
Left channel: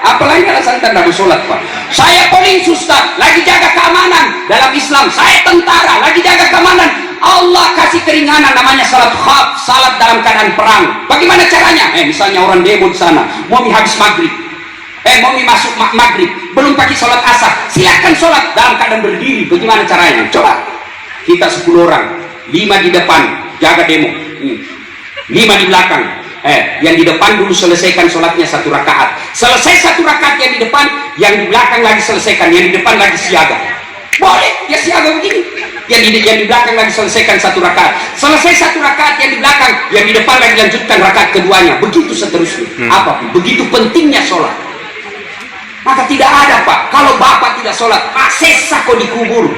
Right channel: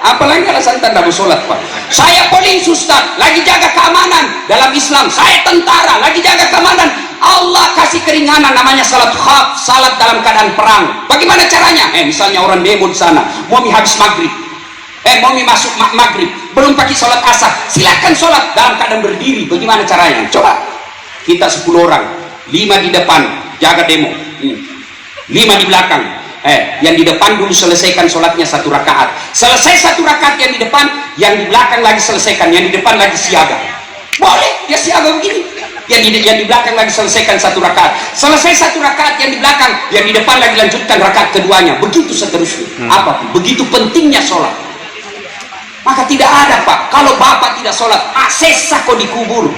Apalagi alasan tanda sholat Pak. Saya polisi Ustaz, lagi jaga keamanan dalam Islam. Saya tentara, lagi jaga keamanan. Allah kasih keringanan namanya salat khaf, salat dalam keadaan perang. Bagaimana caranya? Misalnya orang demo di sana, mau habis maghrib. Mau masuk maghrib, belum pakai sholat asar. Silakan sholat dalam keadaan berdiri. Bagaimana caranya? Coba. Kita 10 orang. 5 di depan jaga demo, 5 di belakang. Yang di depan dulu selesaikan sholatnya 1 rakaat. Selesai 1 rakaat yang di depan, yang di belakang lagi selesaikan, yang di depan lagi siaga. Boleh dia siaga begini. Yang di belakang lagi selesaikan 1 rakaat. Selesai 1 rakaat yang di belakang, yang di depan lagi lanjutkan rakaat keduanya. Begitu seterusnya. Apa? Begitu pentingnya sholat. Maka tidak ada Pak, kalau Bapak tidak sholat, sesah kau dikubur.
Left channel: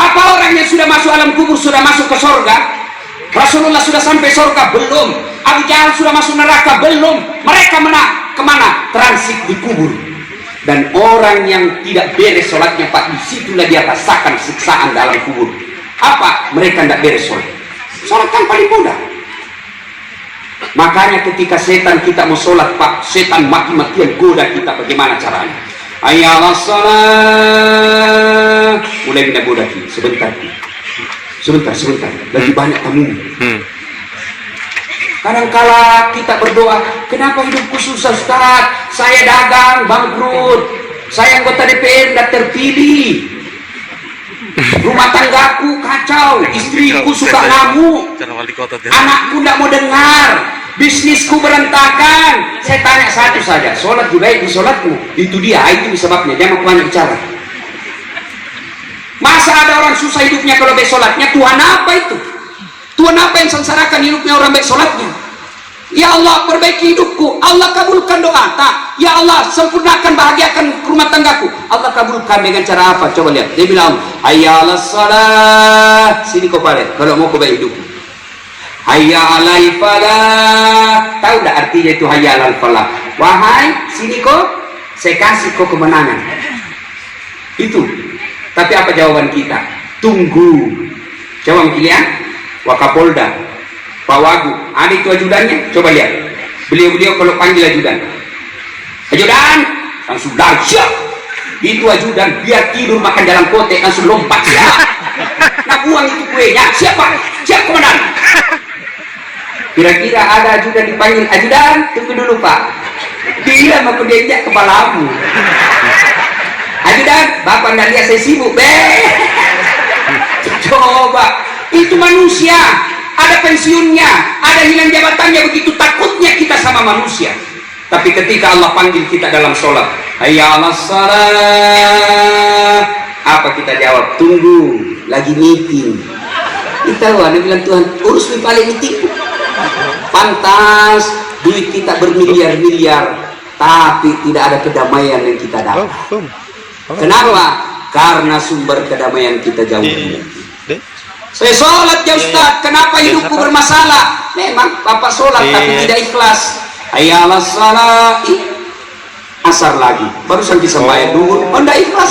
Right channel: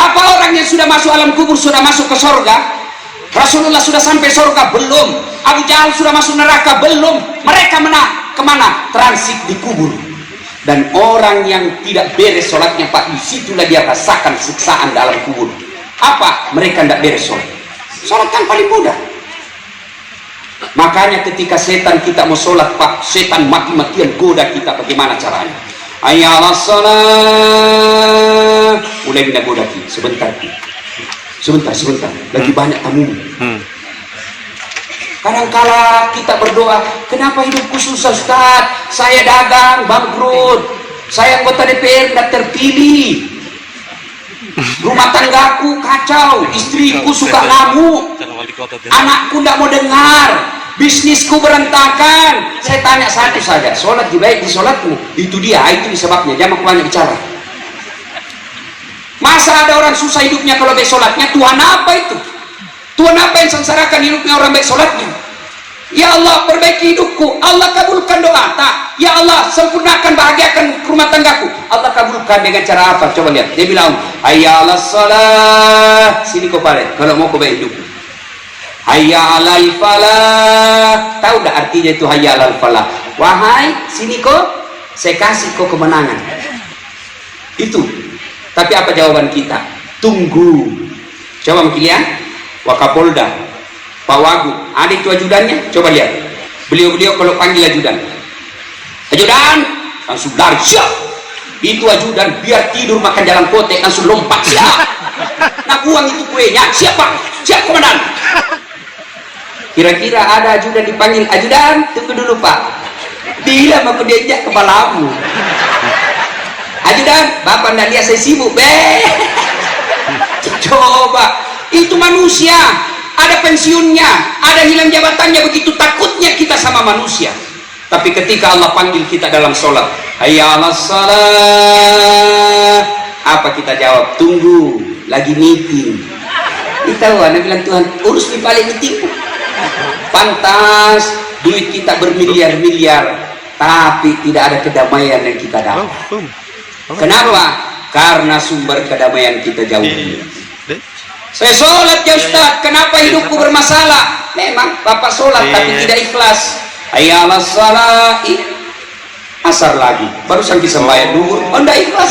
Apa orang yang sudah masuk alam kubur sudah masuk ke sorga? Rasulullah sudah sampai sorga? Belum. Abu Jahal sudah masuk neraka? Belum. Mereka kemana? Transit di kubur. Dan orang yang tidak beres sholatnya Pak, disitulah dia rasakan siksaan dalam kubur. Apa? Mereka tidak beres sholat. Sholat kan paling mudah. Makanya ketika setan kita mau sholat Pak, setan mati-matian goda kita. Bagaimana caranya? Hayya 'alas shalah. Mulai kita goda kita. Sebentar. Lagi banyak tamu. Kadang-kala kita berdoa, kenapa hidupku susah Ustaz? Saya dagang, bangkrut. Saya anggota DPR, tidak terpilih. Rumah tanggaku kacau, istriku suka ngamuk, anakku tidak mau dengar, bisnisku berantakan. Saya tanya satu saja, sholat juga di sholatmu? Itu dia, itu sebabnya. Jangan banyak bicara. Masa ada orang susah hidupnya kalau baik sholatnya? Tuhan apa itu? Tuhan apa yang sengsarakan hidupnya orang baik sholatnya? Ya Allah, perbaiki hidupku. Allah kabulkan doa. Tak. Ya Allah, sempurnakan, bahagiakan rumah tanggaku. Allah kabulkan dengan cara apa? Coba lihat. Dia bilang, hayya 'alas shalah. Sini kau balik kalau mau kau baik hidup. Hayya 'alal falah. Tahu tak artinya itu hayya 'alal falah? Wahai, sini kau, saya kasih kau kemenangan. Itu. Tapi apa jawaban kita? Tunggu. Coba mungkin lihat. Wakapolda, Pak Wagub, ada itu ajudannya. Coba lihat. Beliau kalau panggil ajudan, langsung lari, siap. Itu ajudan, biar tidur makan dalam kotek, langsung lompat, siap. Nah buang itu kuenya, siap Pak, siap komandan. Kira-kira ada ajudan dipanggil, ajudan, tunggu dulu Pak. Dia mau dia kepalamu. Ajudan, Bapak ndak lihat saya sibuk, Coba, itu manusia, ada pensiunnya, ada hilang jabatannya, begitu takutnya kita sama manusia. Tapi ketika Allah panggil kita dalam sholat, hayya 'alas shalah, apa kita jawab? Tunggu, lagi meeting. Kita ada bilang Tuhan, urus nih balik meeting. Pantas duit kita bermiliar-miliar, tapi tidak ada kedamaian yang kita dapat. Kenapa? Karena sumber kedamaian kita jauh. Saya sholat ya Ustaz, kenapa hidupku bermasalah? Memang Bapak sholat tapi tidak ikhlas. Hayya 'alas shalah, asar lagi, baru sampai sembahyang dulu, tidak ikhlas.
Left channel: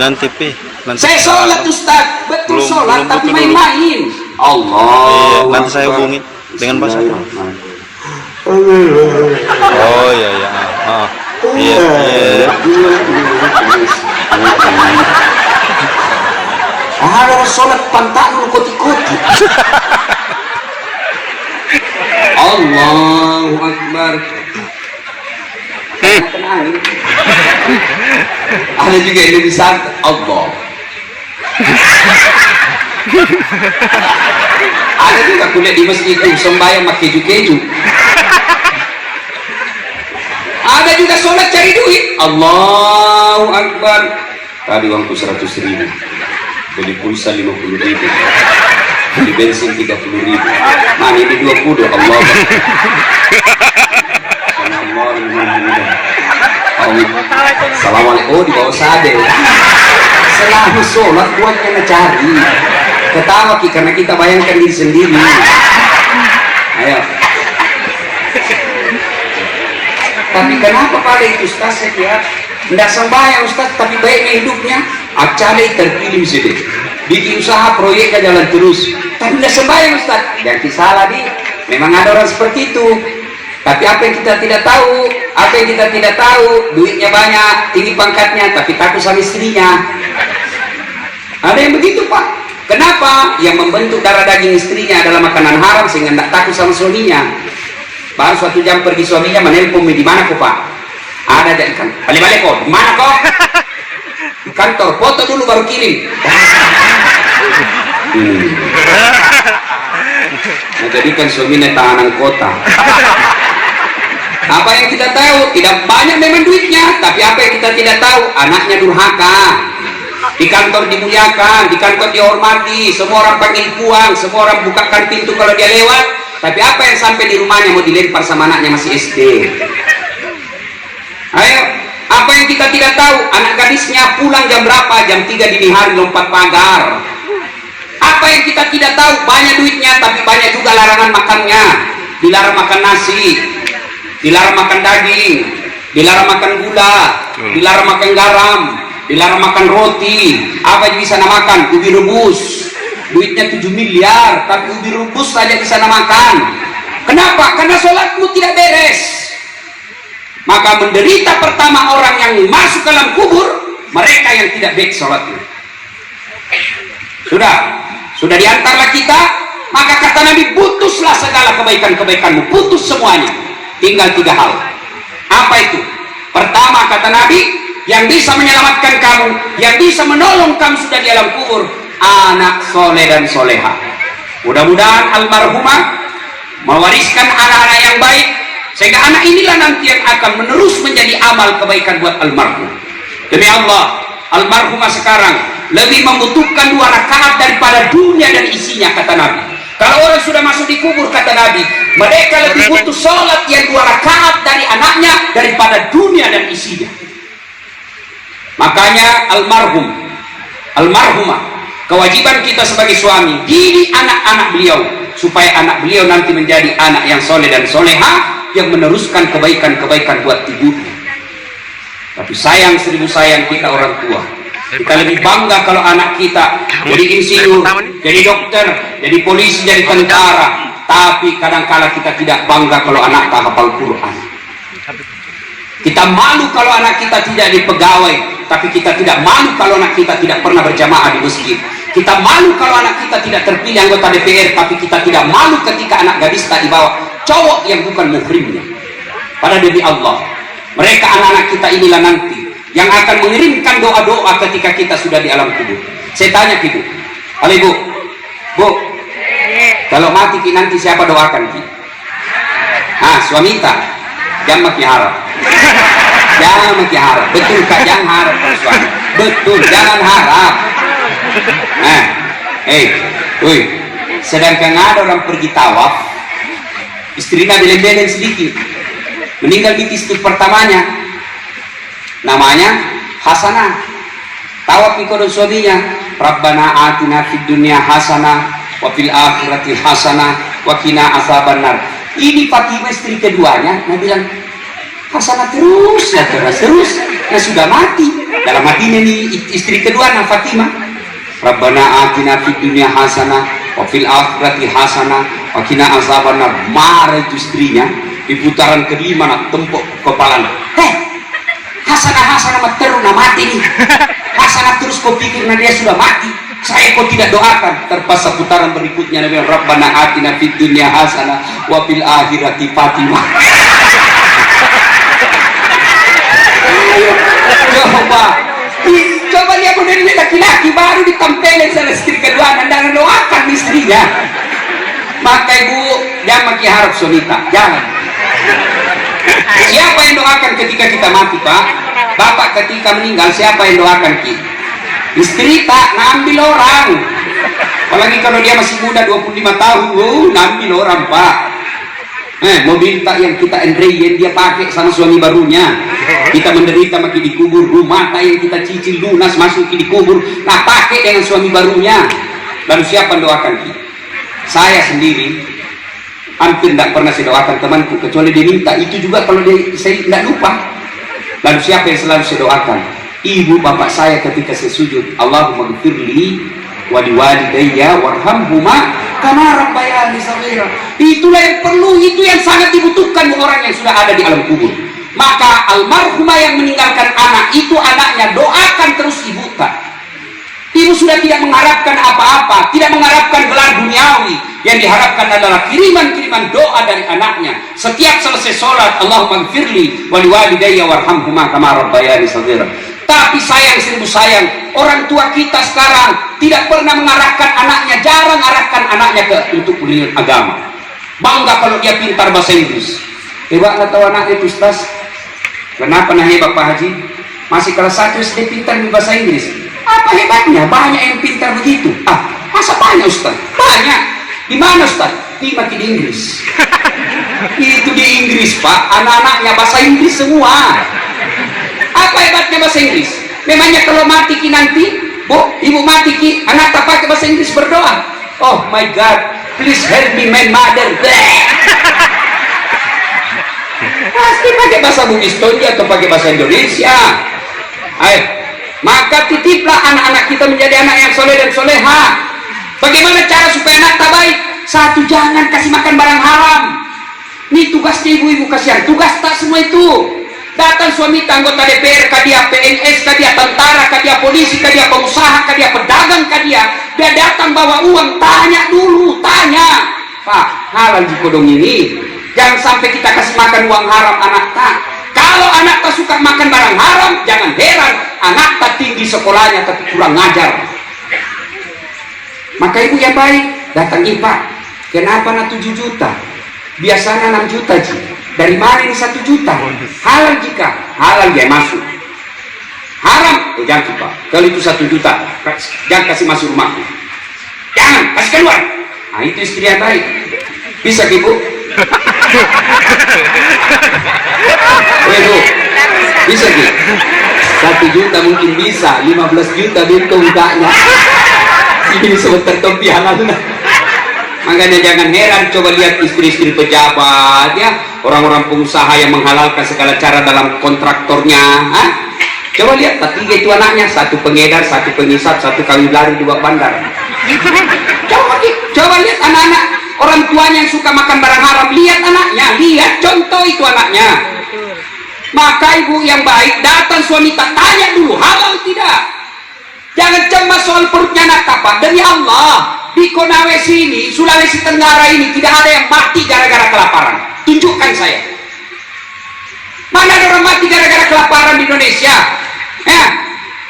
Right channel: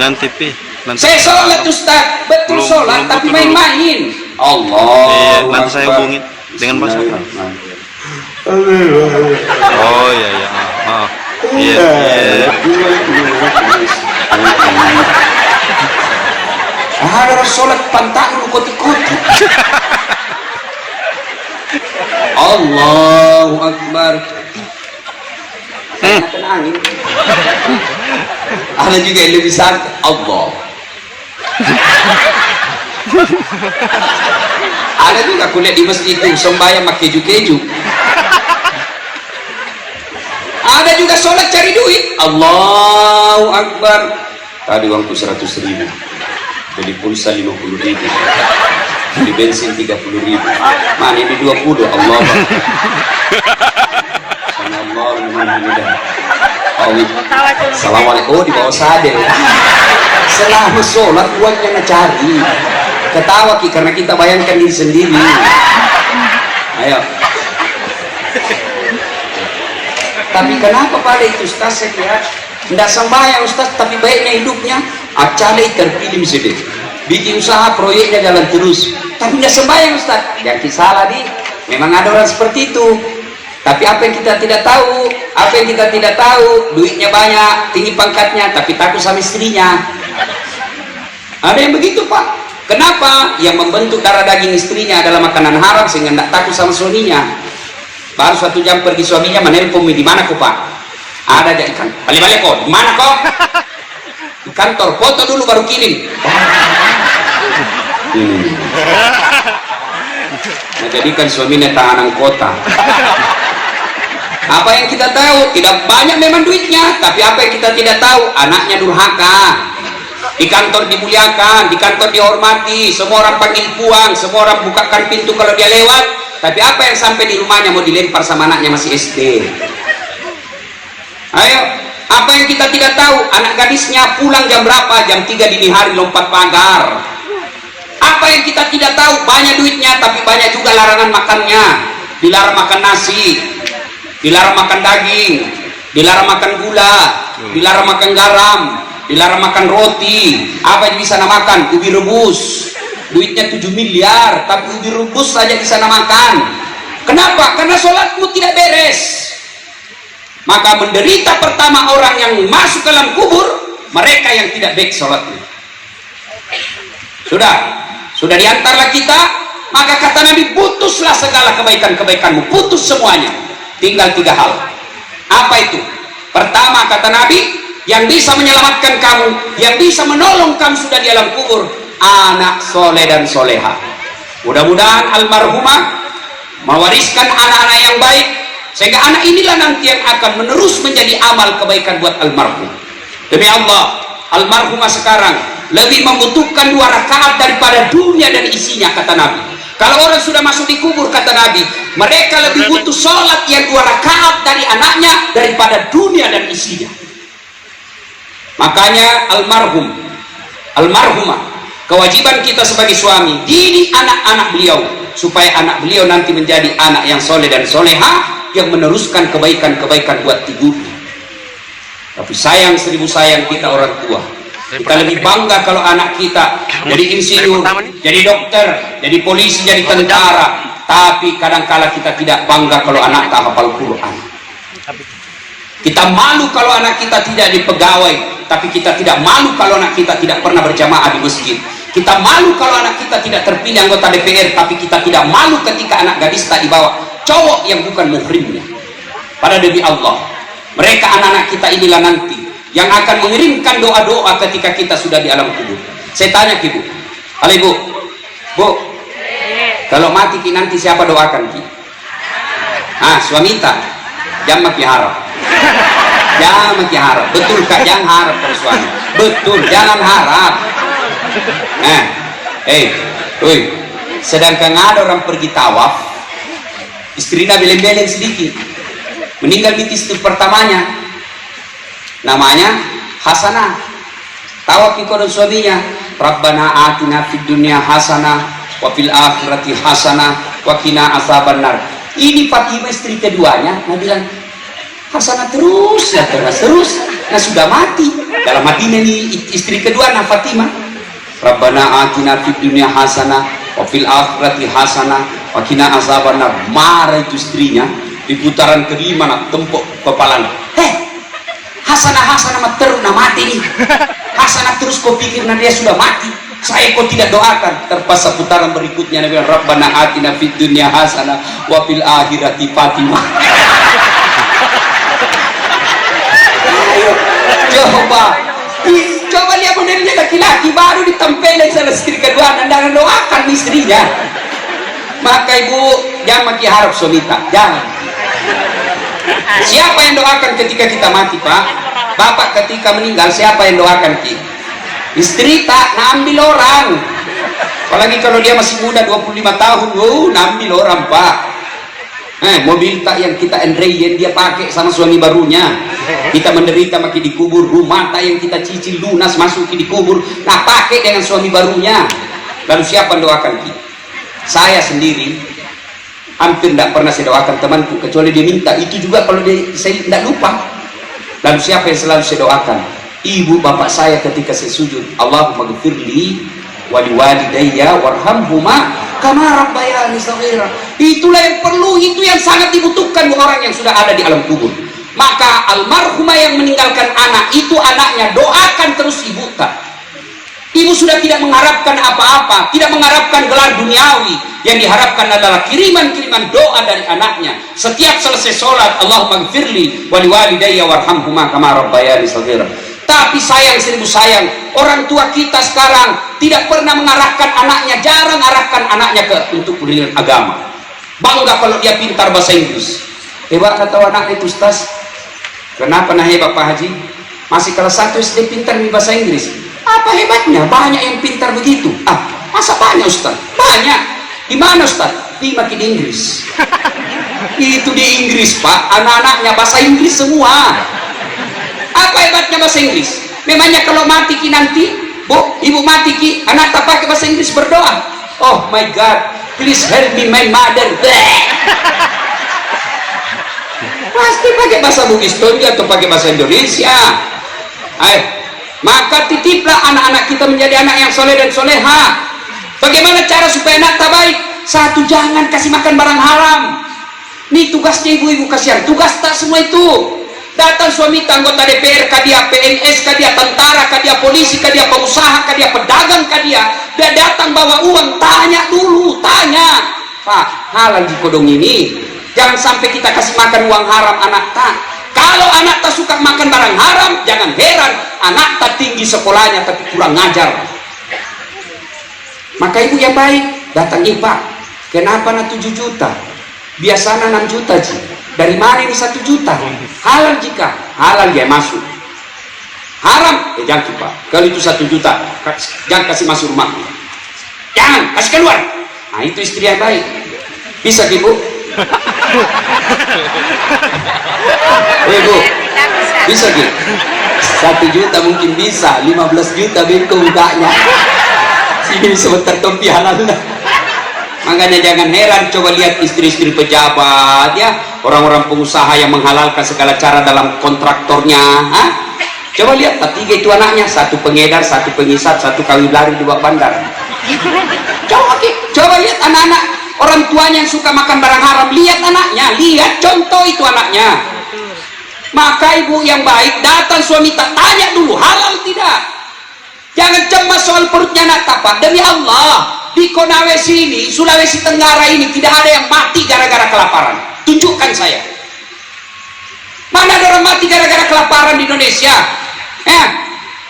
Nanti. Saya sholat Ustaz, betul sholat tapi main-main. Allah. Nanti saya hubungin dengan bahasa. Oh iya. Iya. Ada sholat pantat lu koti-koti. Allahu Akbar. Ada juga yang lebih santai. Allah. Ada juga kuliah di masjid itu sembahyang pakai keju-keju. Ada juga sholat cari duit. Allahu Akbar. Tadi waktu 100.000, beli pulsa 50.000, beli bensin 30.000. Nah ini 20. Allah. Assalamualaikum. Oh, di bawah sade. Selama sholat buat kena cari. Ketawa kita karena kita bayangkan diri sendiri. Ayo. Tapi kenapa pada itu Ustaz ya? Tidak sembahyang Ustaz, tapi baiknya hidupnya. Acalai terpilih sedih. Bikin usaha proyeknya jalan terus. Tapi tidak sembahyang Ustaz. Jangan salah di. Memang ada orang seperti itu. Tapi apa yang kita tidak tahu, duitnya banyak, tinggi pangkatnya, tapi takut sama istrinya. Ada yang begitu Pak. Kenapa? Yang membentuk darah daging istrinya adalah makanan haram sehingga tidak takut sama suaminya. Baru 1 jam pergi suaminya menelpon, di mana kok Pak? Ada aja ikan. Balik-balik kok. Di mana kok? Di kantor. Foto dulu baru kirim. Menjadikan suaminya tahanan kota. Apa yang kita tahu? Tidak banyak memang duitnya, tapi apa yang kita tidak tahu? Anaknya durhaka. Di kantor dimuliakan, di kantor dihormati, semua orang panggil puang, semua orang bukakan pintu kalau dia lewat. Tapi apa yang sampai di rumahnya mau dilempar sama anaknya masih SD? Ayo, apa yang kita tidak tahu? Anak gadisnya pulang jam berapa? Jam 3 dini hari lompat pagar. Apa yang kita tidak tahu? Banyak duitnya, tapi banyak juga larangan makannya. Dilarang makan nasi, dilarang makan daging, dilarang makan gula, dilarang makan garam, dilarang makan roti. Apa yang bisa makan? Ubi rebus. Duitnya 7 miliar, tapi ubi rebus saja bisa makan. Kenapa? Karena sholatmu tidak beres. Maka menderita pertama orang yang masuk ke dalam kubur, mereka yang tidak baik sholatnya. Sudah diantarlah kita. Maka kata Nabi, putuslah segala kebaikan-kebaikanmu, putus semuanya. Tinggal 3 hal. Apa itu? Pertama kata Nabi, yang bisa menyelamatkan kamu, yang bisa menolong kamu sudah di alam kubur, anak soleh dan soleha. Mudah-mudahan almarhumah mewariskan anak-anak yang baik, sehingga anak inilah nanti yang akan menerus menjadi amal kebaikan buat almarhum. Demi Allah, almarhumah sekarang lebih membutuhkan 2 rakaat daripada dunia dan isinya, kata Nabi. Kalau orang sudah masuk di kubur, kata Nabi, mereka lebih butuh sholat yang 2 rakaat dari anaknya daripada dunia dan isinya. Makanya almarhumah, kewajiban kita sebagai suami, didik anak-anak beliau supaya anak beliau nanti menjadi anak yang soleh dan soleha, yang meneruskan kebaikan-kebaikan buat ibunya. Tapi sayang, 1000 sayang kita orang tua. Kita lebih bangga kalau anak kita jadi insinyur, jadi dokter, jadi polisi, jadi tentara. Tapi kadang-kala kita tidak bangga kalau anak tak hafal Quran. Kita malu kalau anak kita tidak jadi pegawai, tapi kita tidak malu kalau anak kita tidak pernah berjamaah di masjid. Kita malu kalau anak kita tidak terpilih anggota DPR, tapi kita tidak malu ketika anak gadis tak dibawa cowok yang bukan muhrimnya. Pada demi Allah, mereka anak-anak kita inilah nanti yang akan mengirimkan doa-doa ketika kita sudah di alam kubur. Saya tanya Ibu, halo Ibu, Bu, kalau mati nanti siapa doakan Ki? Suamita, jangan makin harap. Jangan makin harap, betul Kak, jangan harap kalau suami. Betul, jangan harap. Sedangkan ada orang pergi tawaf, istrinya beleng-beleng sedikit, meninggal di istri pertamanya, namanya Hasanah. Tawaf ikut suaminya, Rabbana atina fid dunya hasanah wa fil akhirati hasanah wa qina azabannar. Ini Fatimah istri keduanya, nah bilang Hasanah terus, nah sudah mati. Dalam hatinya nih istri kedua nah Fatimah, Rabbana atina fid dunya hasanah wa fil akhirati hasanah wa qina azabannar. Marah itu istrinya. Di putaran kelima nak tempuk kepalanya. Hasanah terus nak mati nih. Hasanah terus kau pikir nah dia sudah mati. Saya kau tidak doakan. Terpaksa putaran berikutnya Nabi Rabbana atina fid dunya hasanah wa fil akhirati Fatimah. Coba lihat modelnya laki-laki baru ditempelin sama istri kedua, nandangan istrinya. Maka ibu jangan maki harap sonita, jangan. Siapa yang doakan ketika kita mati, Pak? Bapak ketika meninggal siapa yang doakan kita? Istri tak ngambil orang. Apalagi kalau dia masih muda 25 tahun, ngambil orang, Pak. Mobil tak yang kita yang dia pakai sama suami barunya. Kita menderita makin dikubur, rumah tak yang kita cicil lunas masuk dikubur, nah pakai dengan suami barunya. Lalu siapa yang doakan kita? Saya sendiri hampir tidak pernah saya doakan temanku kecuali dia minta, itu juga kalau dia, saya tidak lupa. Lalu siapa yang selalu saya doakan? Ibu bapak saya ketika saya sujud, Allahumma ghfirli wa liwalidayya warhamhuma kama rabbayani shaghira. Itulah yang perlu, itu yang sangat dibutuhkan orang yang sudah ada di alam kubur. Maka almarhumah yang meninggalkan anak itu, anaknya doakan terus ibu tak. Ibu sudah tidak mengharapkan apa-apa, tidak mengharapkan gelar duniawi. Yang diharapkan adalah kiriman-kiriman doa dari anaknya. Setiap selesai sholat, Allahumma ghfirli wa liwalidayya warhamhuma kama rabbayani shaghira. Tapi sayang, seribu sayang, orang tua kita sekarang tidak pernah mengarahkan anaknya, jarang arahkan anaknya untuk pendidikan agama. Bangga kalau dia pintar bahasa Inggris. Hebat atau anak itu, Ustaz? Kenapa nah hebat Pak Haji? Masih kelas 1 SD pintar bahasa Inggris. Apa hebatnya? Banyak yang pintar begitu. Masa banyak, Ustaz? Banyak. Di mana, Ustaz? Di makin Inggris. Itu di Inggris, Pak. Anak-anaknya bahasa Inggris semua. Apa hebatnya bahasa Inggris? Memangnya kalau mati ki nanti, Bu, ibu mati ki, anak tak pakai bahasa Inggris berdoa. Oh my God, please help me my mother. Pasti pakai bahasa Bugis atau pakai bahasa Indonesia. Maka titiplah anak-anak kita menjadi anak yang soleh dan soleha. Bagaimana cara supaya anak tak baik? Satu, jangan kasih makan barang haram. Ini tugasnya ibu-ibu, kasihan. Tugas tak semua itu. Datang suami anggota DPR, dia PNS, dia tentara, dia polisi, dia pengusaha, dia pedagang, dia datang bawa uang, tanya dulu, tanya, Pak, halal di kodong ini. Jangan sampai kita kasih makan uang haram anak tak. Kalau anak tak suka makan barang haram, jangan heran anak tak tinggi sekolahnya tapi kurang ngajar. Maka ibu yang baik datang, Pak, kenapa na 7 juta? Biasanya 6 juta ji. Dari mana ini 1 juta? Halal jika halal dia masuk. Haram, jangan, Pak. Kalau itu 1 juta, jangan kasih masuk rumahku. Jangan, kasih keluar. Nah, itu istri yang baik. Bisa, Ibu? Ibu, bisa, Ibu? 1 juta mungkin bisa, 15 juta bingung enggaknya. Sini sebentar topi halal. Makanya jangan heran, coba lihat istri-istri pejabat, ya, orang-orang pengusaha yang menghalalkan segala cara dalam kontraktornya. Coba lihat, 3 itu anaknya, 1 pengedar, 1 pengisap, 1 kawin lari di bawah bandar. Coba lihat anak-anak orang tuanya yang suka makan barang haram, lihat anaknya, lihat contoh itu anaknya. Maka ibu yang baik datang suami tak tanya dulu halal tidak. Jangan cemas soal perutnya anak tapak. Demi Allah, di Konawe sini, Sulawesi Tenggara ini tidak ada yang mati gara-gara kelaparan. Tunjukkan saya. Mana ada orang mati gara-gara kelaparan di Indonesia?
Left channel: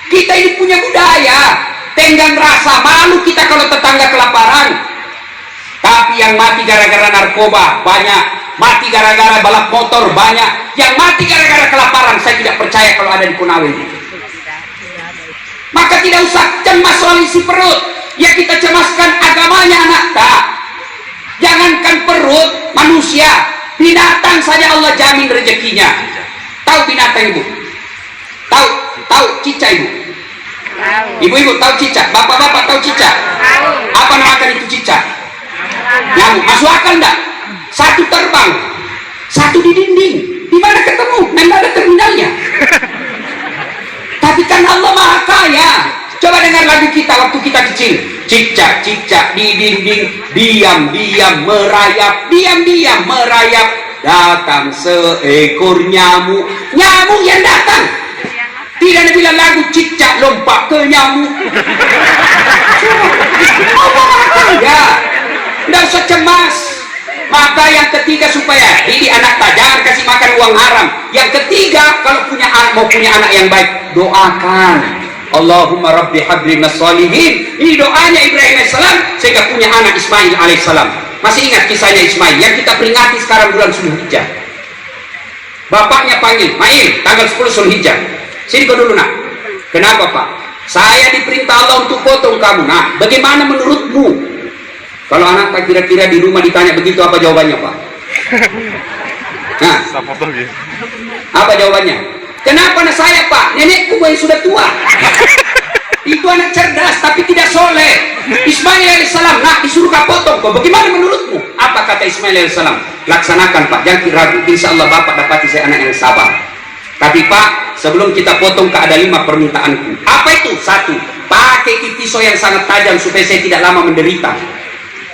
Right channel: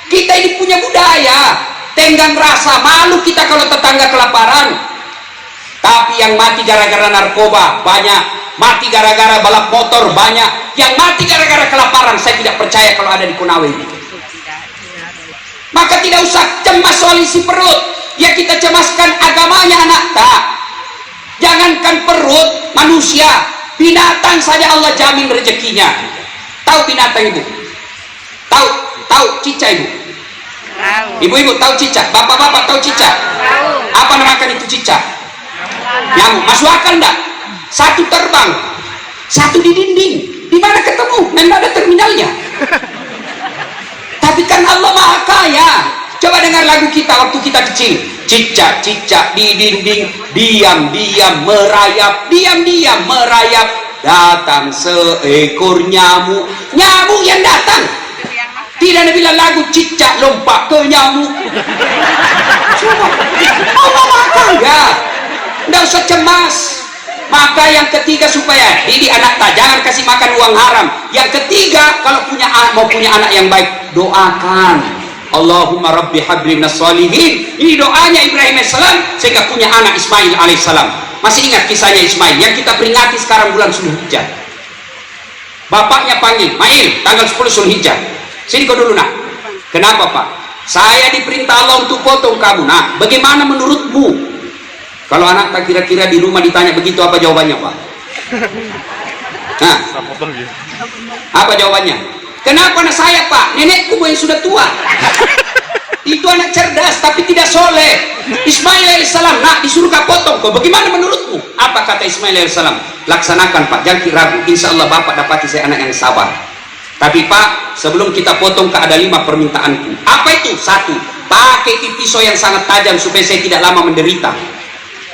Kita ini punya budaya tenggang rasa, malu kita kalau tetangga kelaparan. Tapi yang mati gara-gara narkoba banyak, mati gara-gara balap motor banyak, yang mati gara-gara kelaparan saya tidak percaya kalau ada di Konawe ini. Maka tidak usah cemas soal isi perut. Ya kita cemaskan agamanya anak tak. Jangankan perut manusia, binatang saja Allah jamin rezekinya. Tahu binatang ibu? Tahu cicak ibu? Ibu-ibu tahu cicak? Bapak-bapak tahu cicak? Apa namakan itu cicak? Nyamuk. Masuk akal enggak? 1 terbang, 1 di dinding. Di mana ketemu? Memang ada terminalnya. Tapi kan Allah Maha Kaya. Coba dengar lagu kita waktu kita kecil. Cicak-cicak di dinding, diam-diam merayap, diam-diam merayap. Datang seekor nyamuk. Nyamuk yang datang. Tidak ada bilang lagu cicak lompat ke nyamuk. Allah Maha Kaya. Tidak usah cemas. Maka yang ketiga supaya didik anak tak, jangan kasih makan uang haram. Yang ketiga, kalau punya anak, mau punya anak yang baik, doakan. Allahumma rabbi habli minas shalihin. Ini doanya Ibrahim alaihissalam sehingga punya anak Ismail alaihissalam. Masih ingat kisahnya Ismail yang kita peringati sekarang bulan Zulhijjah? Bapaknya panggil, Mail, tanggal 10 Zulhijjah. Sini kau dulu nak. Kenapa Pak? Saya diperintah Allah untuk potong kamu. Nah, bagaimana menurutmu? Kalau anak tak kira-kira di rumah ditanya begitu, apa jawabannya Pak? Nah, apa jawabannya? Kenapa anak saya Pak? Nenekku yang sudah tua. Itu anak cerdas tapi tidak soleh. Ismail alaihissalam nak disuruh kau potong kau. Bagaimana menurutmu? Apa kata Ismail alaihissalam? Laksanakan Pak, jangan ragu. Insya Allah Bapak dapati saya anak yang sabar. Tapi Pak, sebelum kita potong ada 5 permintaanku. Apa itu? 1, pakai pisau yang sangat tajam supaya saya tidak lama menderita.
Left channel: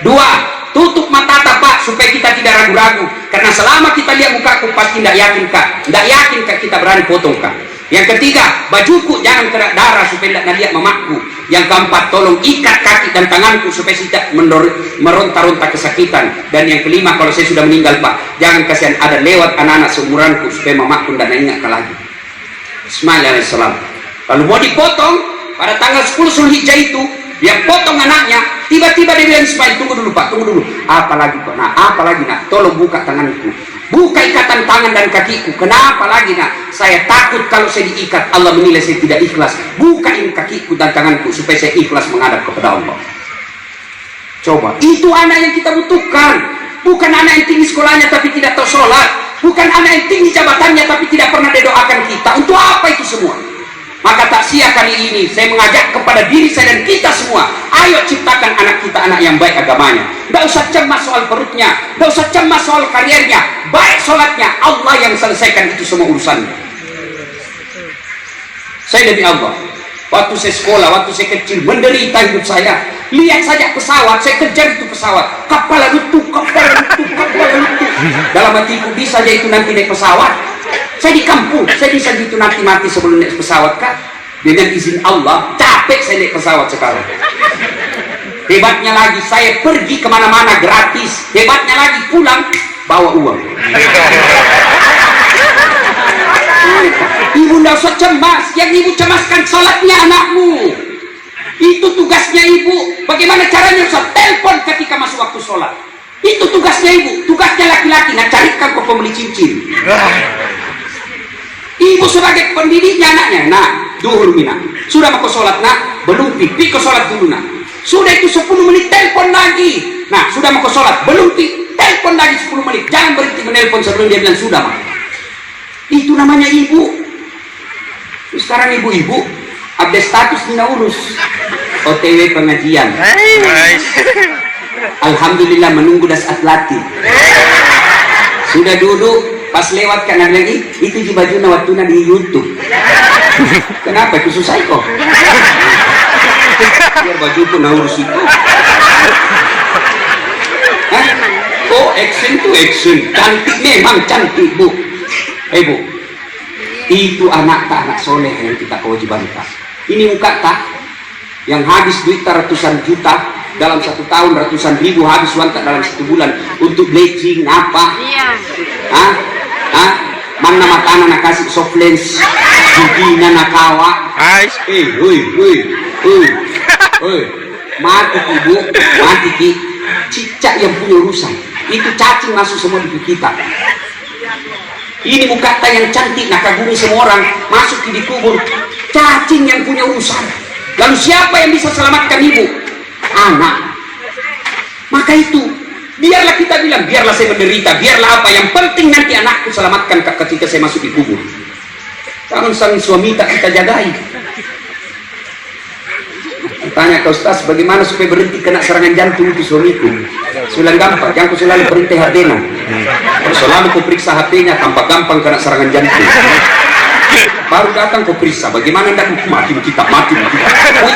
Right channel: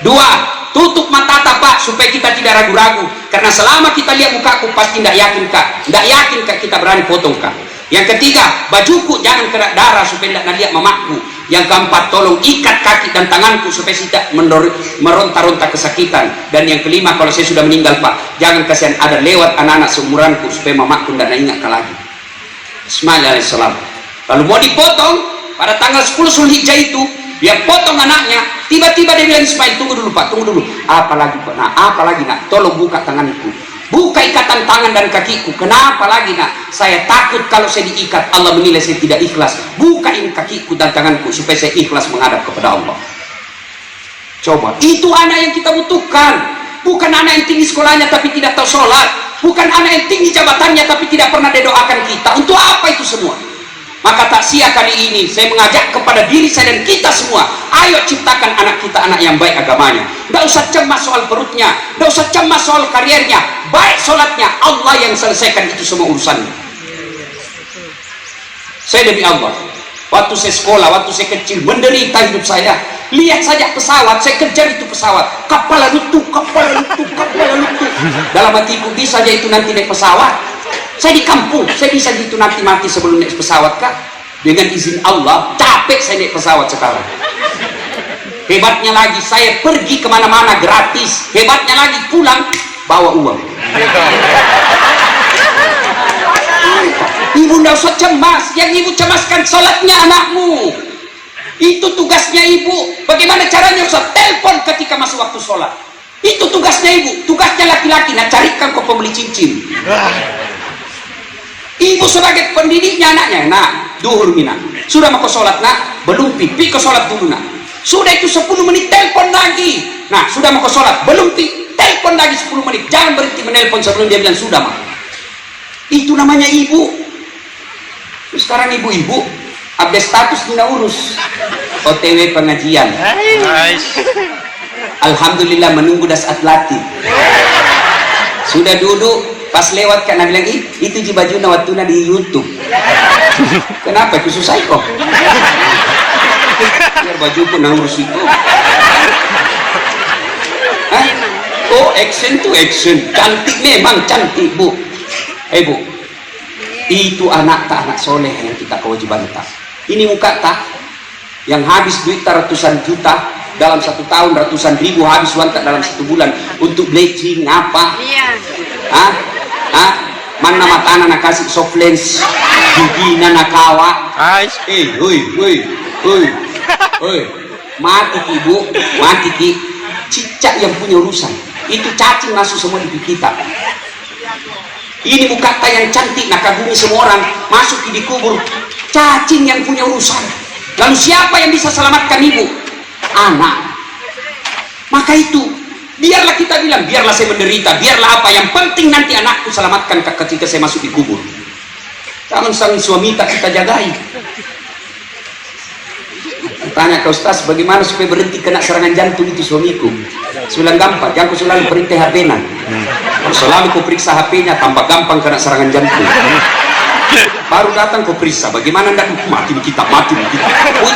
2, tutup mata Pak supaya kita tidak ragu-ragu. Karena selama kita lihat mukaku pasti tidak yakin Kak. Tidak yakin Kak kita berani potong Kak. Yang ketiga, bajuku jangan kena darah supaya tidak lihat mamaku. Yang keempat, tolong ikat kaki dan tanganku supaya tidak meronta-ronta kesakitan. Dan yang kelima, kalau saya sudah meninggal Pak, jangan kasihan ada lewat anak-anak seumuranku supaya mamaku tidak ingat lagi. Ismail alaihissalam. Lalu mau dipotong pada tanggal 10 Zulhijjah itu, dia potong anaknya. Tiba-tiba dia bilang, Ismail, tunggu dulu Pak, tunggu dulu. Apa lagi Pak? Nah, apa lagi nak? Tolong buka tanganku. Buka ikatan tangan dan kakiku. Kenapa lagi nak? Saya takut kalau saya diikat Allah menilai saya tidak ikhlas. Buka ini kakiku dan tanganku supaya saya ikhlas menghadap kepada Allah. Coba, itu anak yang kita butuhkan. Bukan anak yang tinggi sekolahnya tapi tidak tahu sholat. Bukan anak yang tinggi jabatannya tapi tidak pernah didoakan kita. Untuk apa itu semua? Maka takziah kali ini saya mengajak kepada diri saya dan kita semua, ayo ciptakan anak kita anak yang baik agamanya. Tidak usah cemas soal perutnya, tidak usah cemas soal karirnya, baik sholatnya, Allah yang selesaikan itu semua urusannya. Saya demi Allah, waktu saya sekolah, waktu saya kecil, menderita hidup saya. Lihat saja pesawat, saya kejar itu pesawat, kapal runtuh. Dalam hatiku, bisa aja itu nanti naik pesawat. Saya di kampung, saya bisa gitu nanti mati sebelum naik pesawat Kak. Dengan izin Allah, capek saya naik pesawat sekarang. Hebatnya lagi, saya pergi kemana-mana gratis. Hebatnya lagi, pulang bawa uang. Ibu tidak usah cemas, yang ibu cemaskan sholatnya anakmu. Itu tugasnya ibu. Bagaimana caranya? Usah telepon ketika masuk waktu sholat. Itu tugasnya ibu. Tugasnya laki-laki, nah carikan kau pembeli cincin. Ibu sebagai pendidiknya anaknya, nah, duhur mina. Sudah mau ke sholat nak? Belum pipi ke sholat dulu nak. Sudah itu 10 menit telepon lagi. Nah, sudah mau ke sholat? Belum telepon lagi 10 menit. Jangan berhenti menelpon sebelum dia bilang sudah mak. Itu namanya ibu. Sekarang ibu-ibu update status tidak urus. OTW pengajian. Alhamdulillah menunggu dasat latih. Sudah duduk. Pas lewat karena bilang itu ji baju nawatuna di YouTube. Kenapa itu susah kok? Biar baju pun harus itu. Oh action to action, cantik memang cantik bu. Bu, itu anak tak anak soleh yang kita kewajiban tak. Ini muka tak yang habis duit ratusan juta dalam 1 tahun, ratusan ribu habis uang tak dalam 1 bulan untuk bleaching apa? Mana makanan nak kasih soft lens, judi nakawa. Mati ibu, mati ki. Cicak yang punya urusan. Itu cacing masuk semua di kita. Ini mukata yang cantik, nak kagumi semua orang masuk di kubur. Cacing yang punya urusan. Lalu siapa yang bisa selamatkan ibu? Anak. Maka itu. Biarlah kita bilang, biarlah saya menderita, biarlah apa, yang penting nanti anakku selamatkan ketika saya masuk di kubur. Tangan sang suami tak kita jagai. Tanya ke Ustaz, bagaimana supaya berhenti kena serangan jantung itu suamiku? Sulang gampang, jangan selalu berhenti HP-nya. Selalu kau periksa HP-nya, tambah gampang kena serangan jantung. Baru datang kau periksa, bagaimana anda mati kita. Mau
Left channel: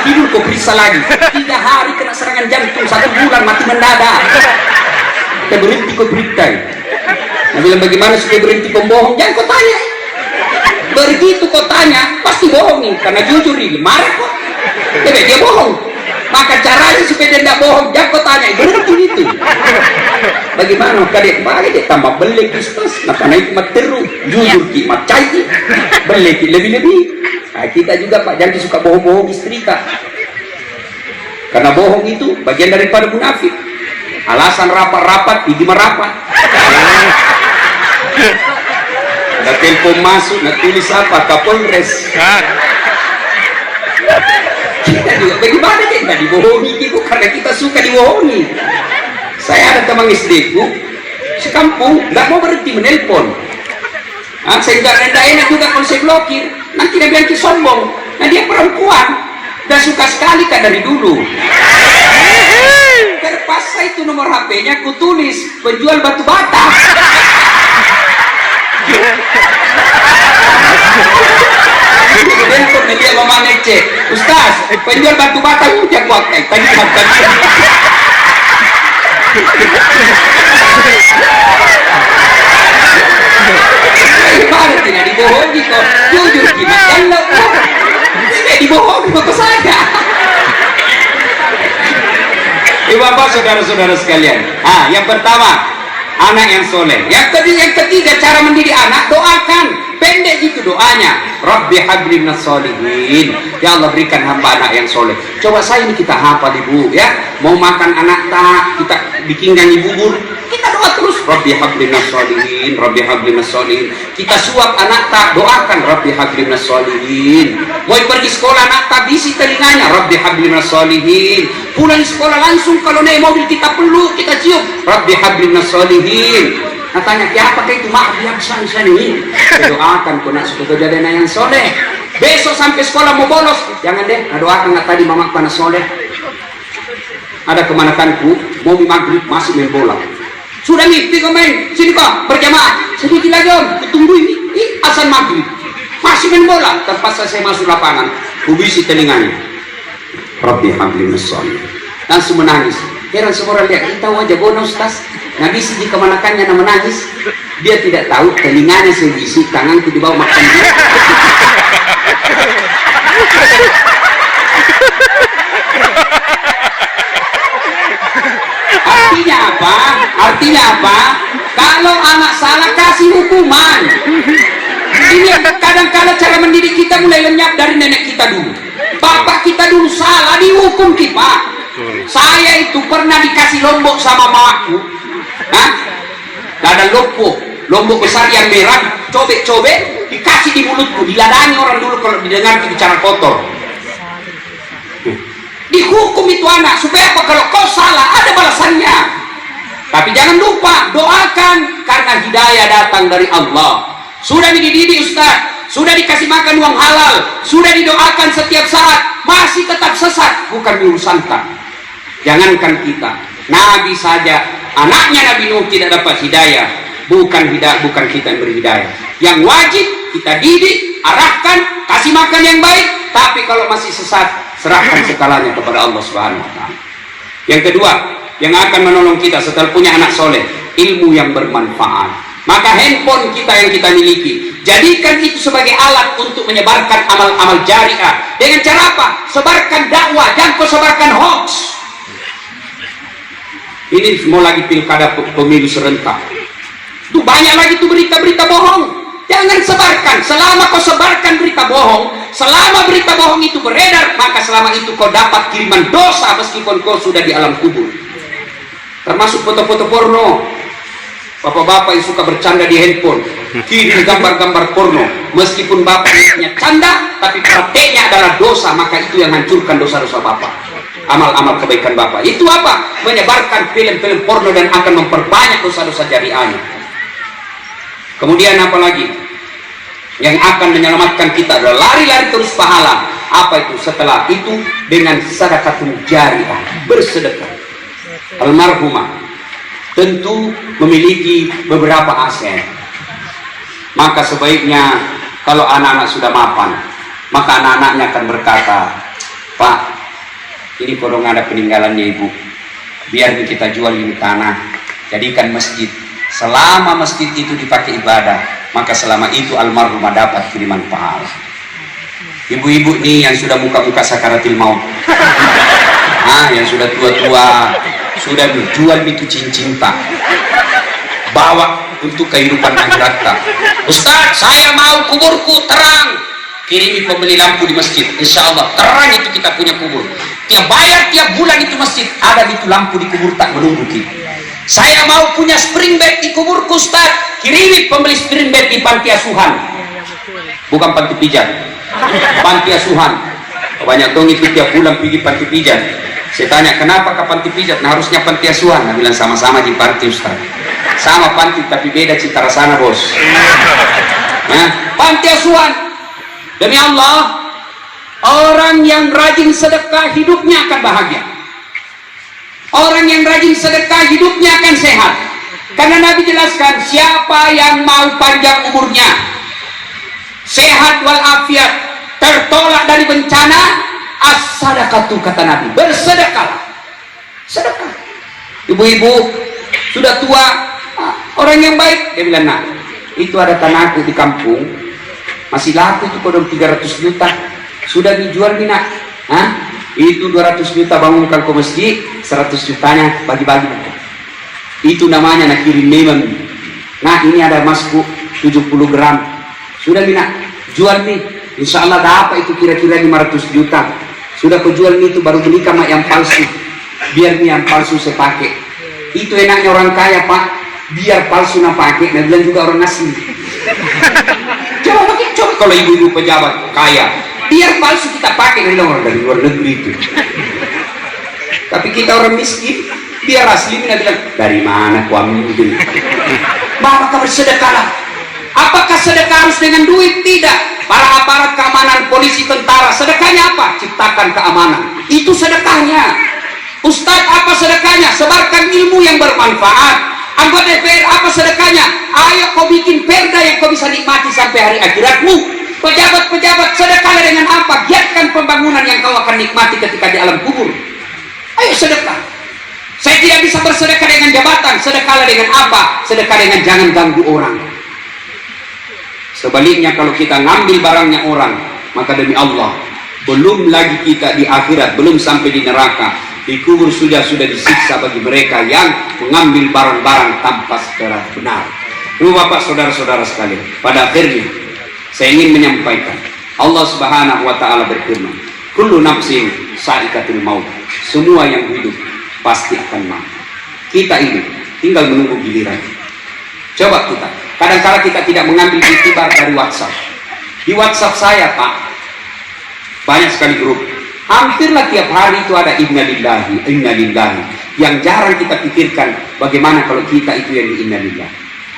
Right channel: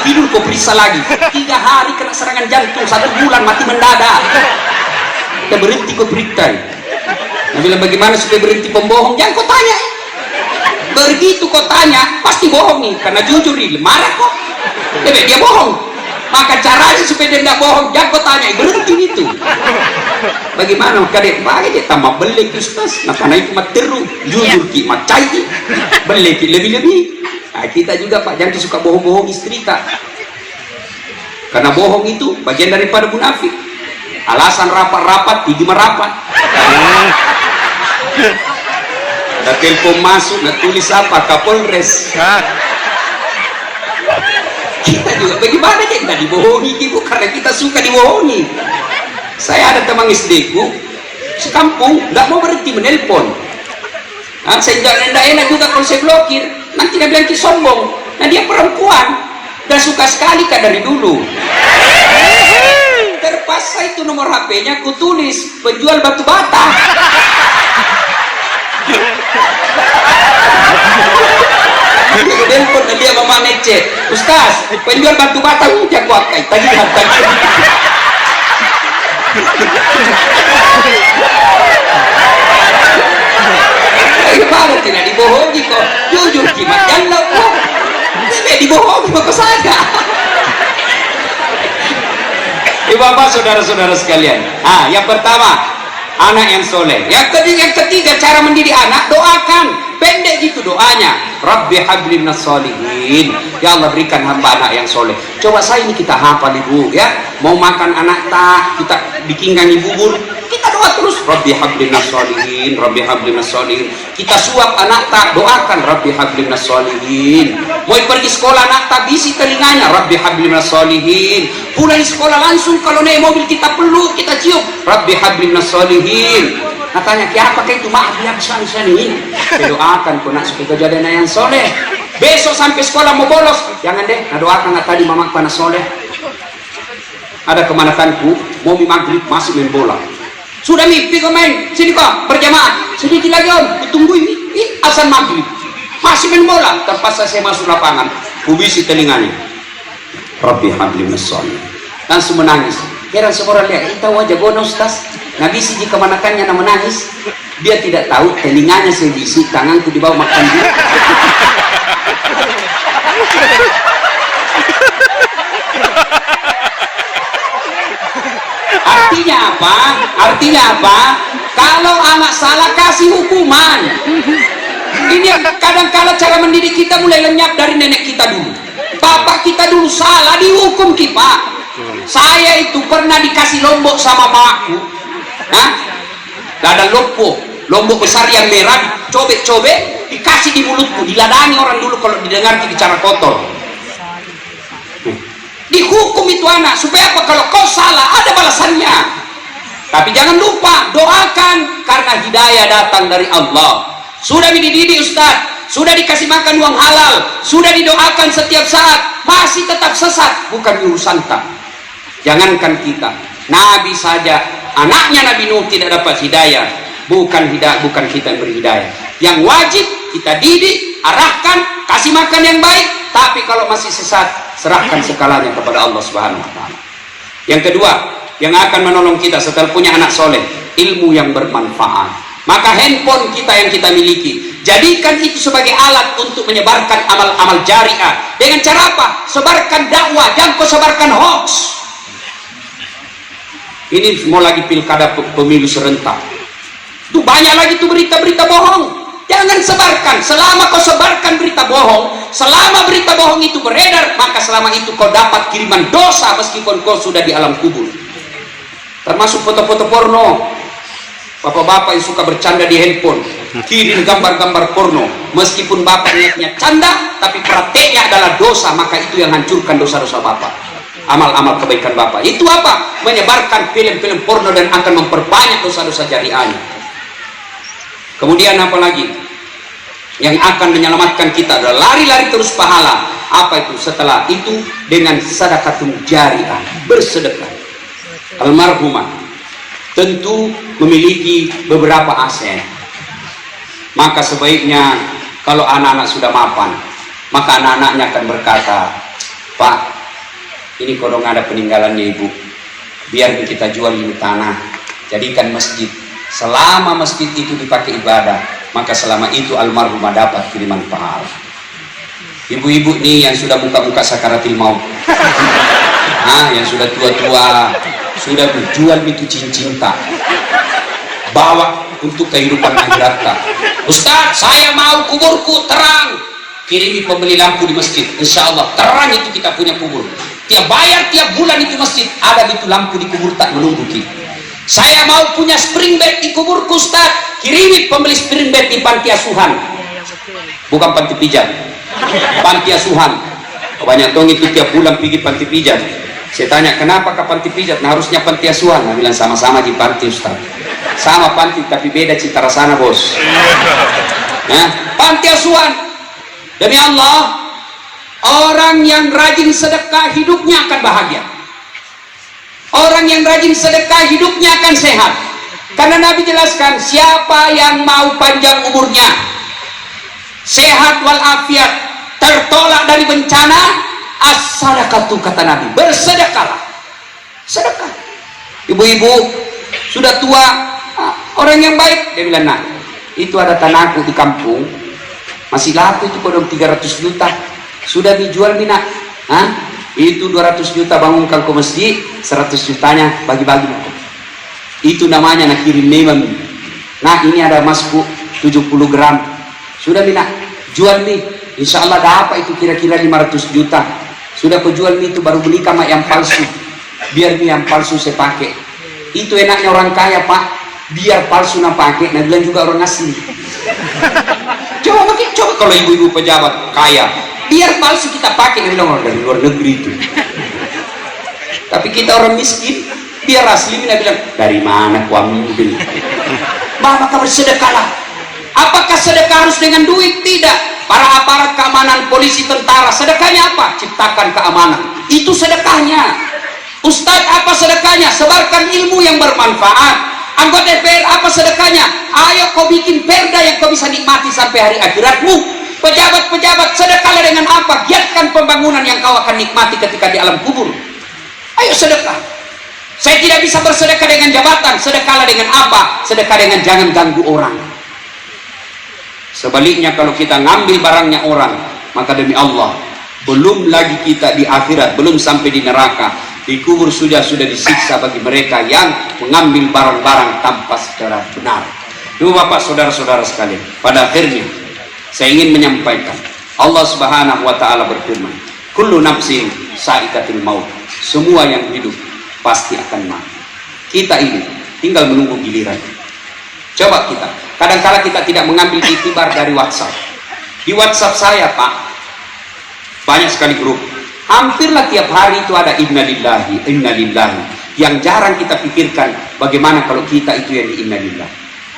tidur kau periksa lagi. 3 hari kena serangan jantung, 1 bulan mati mendadak. Kita berhenti kau periksa. Dia bilang bagaimana supaya berhenti pembohong? Jangan kau tanya. Begitu kau tanya, pasti bohong nih, karena jujur nih, marah kok. Dia bohong. Maka caranya supaya dia tidak bohong, jangan kau tanya, berhenti itu. Bagaimana? Maka dia tambah belek Kristus. Maka naik mat teru, jujur ki mat cai, belek lebih-lebih. Nah, Nah, kita juga Pak jangan suka bohong-bohong istri Kak, karena bohong itu bagian daripada munafik. Alasan rapat-rapat pergi merapat. Ada telepon masuk, nak tulis apa? Kapolres. Kita juga bagaimana kita dibohongi gitu, karena kita suka dibohongi. Saya ada teman istriku sekampung nggak mau berhenti menelpon. Saya nggak enak juga kalau saya blokir, nanti dia bilang sombong. Nah dia perempuan, dan suka sekali Kak dari dulu. Terpaksa itu nomor HP-nya ku tulis penjual batu bata. Telepon dia mama ngecek, Ustaz penjual batu bata yang kuat kayak tadi harganya. Gimana tidak dibohongi kok, jujur gimana jangan kok tidak dibohongi kok saya. Bapak saudara-saudara sekalian, yang pertama anak yang soleh. Yang ketiga cara mendidik anak, doakan. Pendek gitu doanya, Rabbi habli minas solihin, ya Allah berikan hamba anak yang soleh. Coba saya ini kita hafal ibu ya, mau makan anak tak kita bikinkan ibu bubur, kita doa terus Rabbi habli minas solihin, Rabbi habli minas solihin. Kita suap anak tak, doakan Rabbi habli minas solihin. Mau pergi sekolah anak tak, bisi telinganya Rabbi habli minas solihin. Pulang sekolah langsung kalau naik mobil kita peluk, kita cium Rabbi habli minas solihin. Katanya, siapa itu maaf yang sana ini. Doakan kau nak supaya jadi anak yang soleh. Besok sampai sekolah mau bolos, jangan deh. Doakan nggak tadi mama panas soleh. Ada kemanakanku mau maghrib masih main bola. Sudah mimpi kau main sini kok berjamaah. Sedikit lagi om, tunggu ini azan maghrib masih main bola. Terpaksa saya masuk lapangan, kubisi telinganya. Rabbi habli minas solihin. Langsung menangis. Heran semua orang lihat kita wajah bono Ustaz. Nabi sih jika manakannya menangis, dia tidak tahu telinganya saya bisi, tanganku di bawah makan dia. Artinya apa? Artinya apa? Kalau anak salah kasih hukuman. Ini kadang-kadang cara mendidik kita mulai lenyap dari nenek kita dulu. Bapak kita dulu salah dihukum kita. Saya itu pernah dikasih lombok sama mamaku. Ada lombok besar yang merah, cobek-cobek, dikasih di mulutku, diladani orang dulu kalau didengar bicara kotor. Dihukum itu anak, supaya apa? Kalau kau salah, ada balasannya. Tapi jangan lupa, doakan, karena hidayah datang dari Allah. Sudah dididik Ustaz, sudah dikasih makan uang halal, sudah didoakan setiap saat, masih tetap sesat, bukan diurusankan. Jangankan kita, Nabi saja, anaknya Nabi Nuh tidak dapat hidayah, bukan kita yang berhidayah. Yang wajib kita didik, arahkan, kasih makan yang baik. Tapi kalau masih sesat, serahkan segalanya kepada Allah Subhanahu Wa Taala. Yang kedua, yang akan menolong kita setelah punya anak soleh, ilmu yang bermanfaat. Maka handphone kita yang kita miliki, jadikan itu sebagai alat untuk menyebarkan amal-amal jariah. Dengan cara apa? Sebarkan dakwah, jangan kau sebarkan hoax. Ini mau lagi pilkada pemilu serentak, itu banyak lagi tuh berita-berita bohong. Jangan sebarkan. Selama kau sebarkan berita bohong, selama berita bohong itu beredar, maka selama itu kau dapat kiriman dosa meskipun kau sudah di alam kubur. Termasuk foto-foto porno. Bapak-bapak yang suka bercanda di handphone, kirim gambar-gambar porno, meskipun bapaknya canda, tapi prakteknya adalah dosa, maka itu yang hancurkan dosa-dosa bapak. Amal-amal kebaikan bapak itu apa? Menyebarkan film-film porno dan akan memperbanyak dosa-dosa jariahnya. Kemudian apa lagi yang akan menyelamatkan kita adalah lari-lari terus pahala. Apa itu? Setelah itu dengan sedekahun jariah, bersedekah. Almarhumah tentu memiliki beberapa aset, maka sebaiknya kalau anak-anak sudah mapan, maka anak-anaknya akan berkata, Pak, ini kodong ada peninggalannya ibu, biar kita jual ini tanah, jadikan masjid. Selama masjid itu dipakai ibadah, maka selama itu almarhumah dapat kiriman pahala. Ibu-ibu nih yang sudah muka-muka sakaratil maut, yang sudah tua-tua, sudah berjual itu cincin tak, bawa untuk kehidupan akhirat tak. Ustaz, saya mau kuburku terang, kirimi pembeli lampu di masjid, insya Allah terang itu kita punya kubur. Tiap bayar tiap bulan itu masjid, ada itu lampu di kubur tak menunggu kita. Saya mau punya spring bed di kuburku Ustaz, kirimi pembeli spring bed di panti asuhan, bukan panti pijat, panti asuhan. Banyak dong ikut tiap bulan pergi panti pijat. Saya tanya kenapa ke panti pijat? Nah harusnya panti asuhan. Nah bilang sama-sama di panti Ustaz, sama panti tapi beda cita rasanya bos. Nah, panti asuhan. Demi Allah, orang yang rajin sedekah hidupnya akan bahagia. Orang yang rajin sedekah hidupnya akan sehat. Karena Nabi jelaskan, siapa yang mau panjang umurnya, sehat walafiat, tertolak dari bencana, as-sadaqatu kata Nabi, bersedekahlah. Sedekah. Ibu-ibu sudah tua, orang yang baik, dia bilang, nah itu ada tanahku di kampung, masih laku itu kodong 300 juta, sudah dijual minat, itu 200 juta bangunkan ke masjid, 100 jutanya bagi-bagi. Itu namanya nak kirim memang. Nah ini ada emasku 70 gram, sudah minat, jual nih, insya Allah dapat itu kira-kira 500 juta. Sudah kau jual nih itu baru beli mak yang palsu, biar nih yang palsu saya pakai. Itu enaknya orang kaya Pak, biar palsu nak pakai, nah bilang juga orang asli. Coba kalau ibu-ibu pejabat kaya, biar palsu kita pakai, dari luar negeri itu. Tapi kita orang miskin, biar asli kita bilang dari mana ku ambil. Maka kamu sedekahlah. Apakah sedekah harus dengan duit? Tidak. Para aparat keamanan, polisi, tentara, sedekahnya apa? Ciptakan keamanan. Itu sedekahnya. Ustadz, apa sedekahnya? Sebarkan ilmu yang bermanfaat. Anggota DPR, apa sedekahnya? Ayo kau bikin perda yang kau bisa nikmati sampai hari akhiratmu. Pejabat-pejabat, sedekahlah dengan apa? Giatkan pembangunan yang kau akan nikmati ketika di alam kubur. Ayo sedekah. Saya tidak bisa bersedekah dengan jabatan. Sedekahlah dengan apa? Sedekah dengan jangan ganggu orang. Sebaliknya kalau kita ngambil barangnya orang, maka demi Allah, belum lagi kita di akhirat, belum sampai di neraka, di kubur sudah disiksa bagi mereka yang mengambil barang-barang tanpa secara benar. Ibu bapak saudara-saudara sekalian, pada akhirnya saya ingin menyampaikan, Allah Subhanahu wa taala berfirman, kullu nafsin sa'iqatul maut, semua yang hidup pasti akan mati. Kita ini tinggal menunggu giliran. Coba kita, kadang-kala kita tidak mengambil iktibar dari WhatsApp. Di WhatsApp saya Pak, banyak sekali grup. Hampirlah tiap hari itu ada innalillahi, innalillahi. Yang jarang kita pikirkan bagaimana kalau kita itu yang di innalillahi.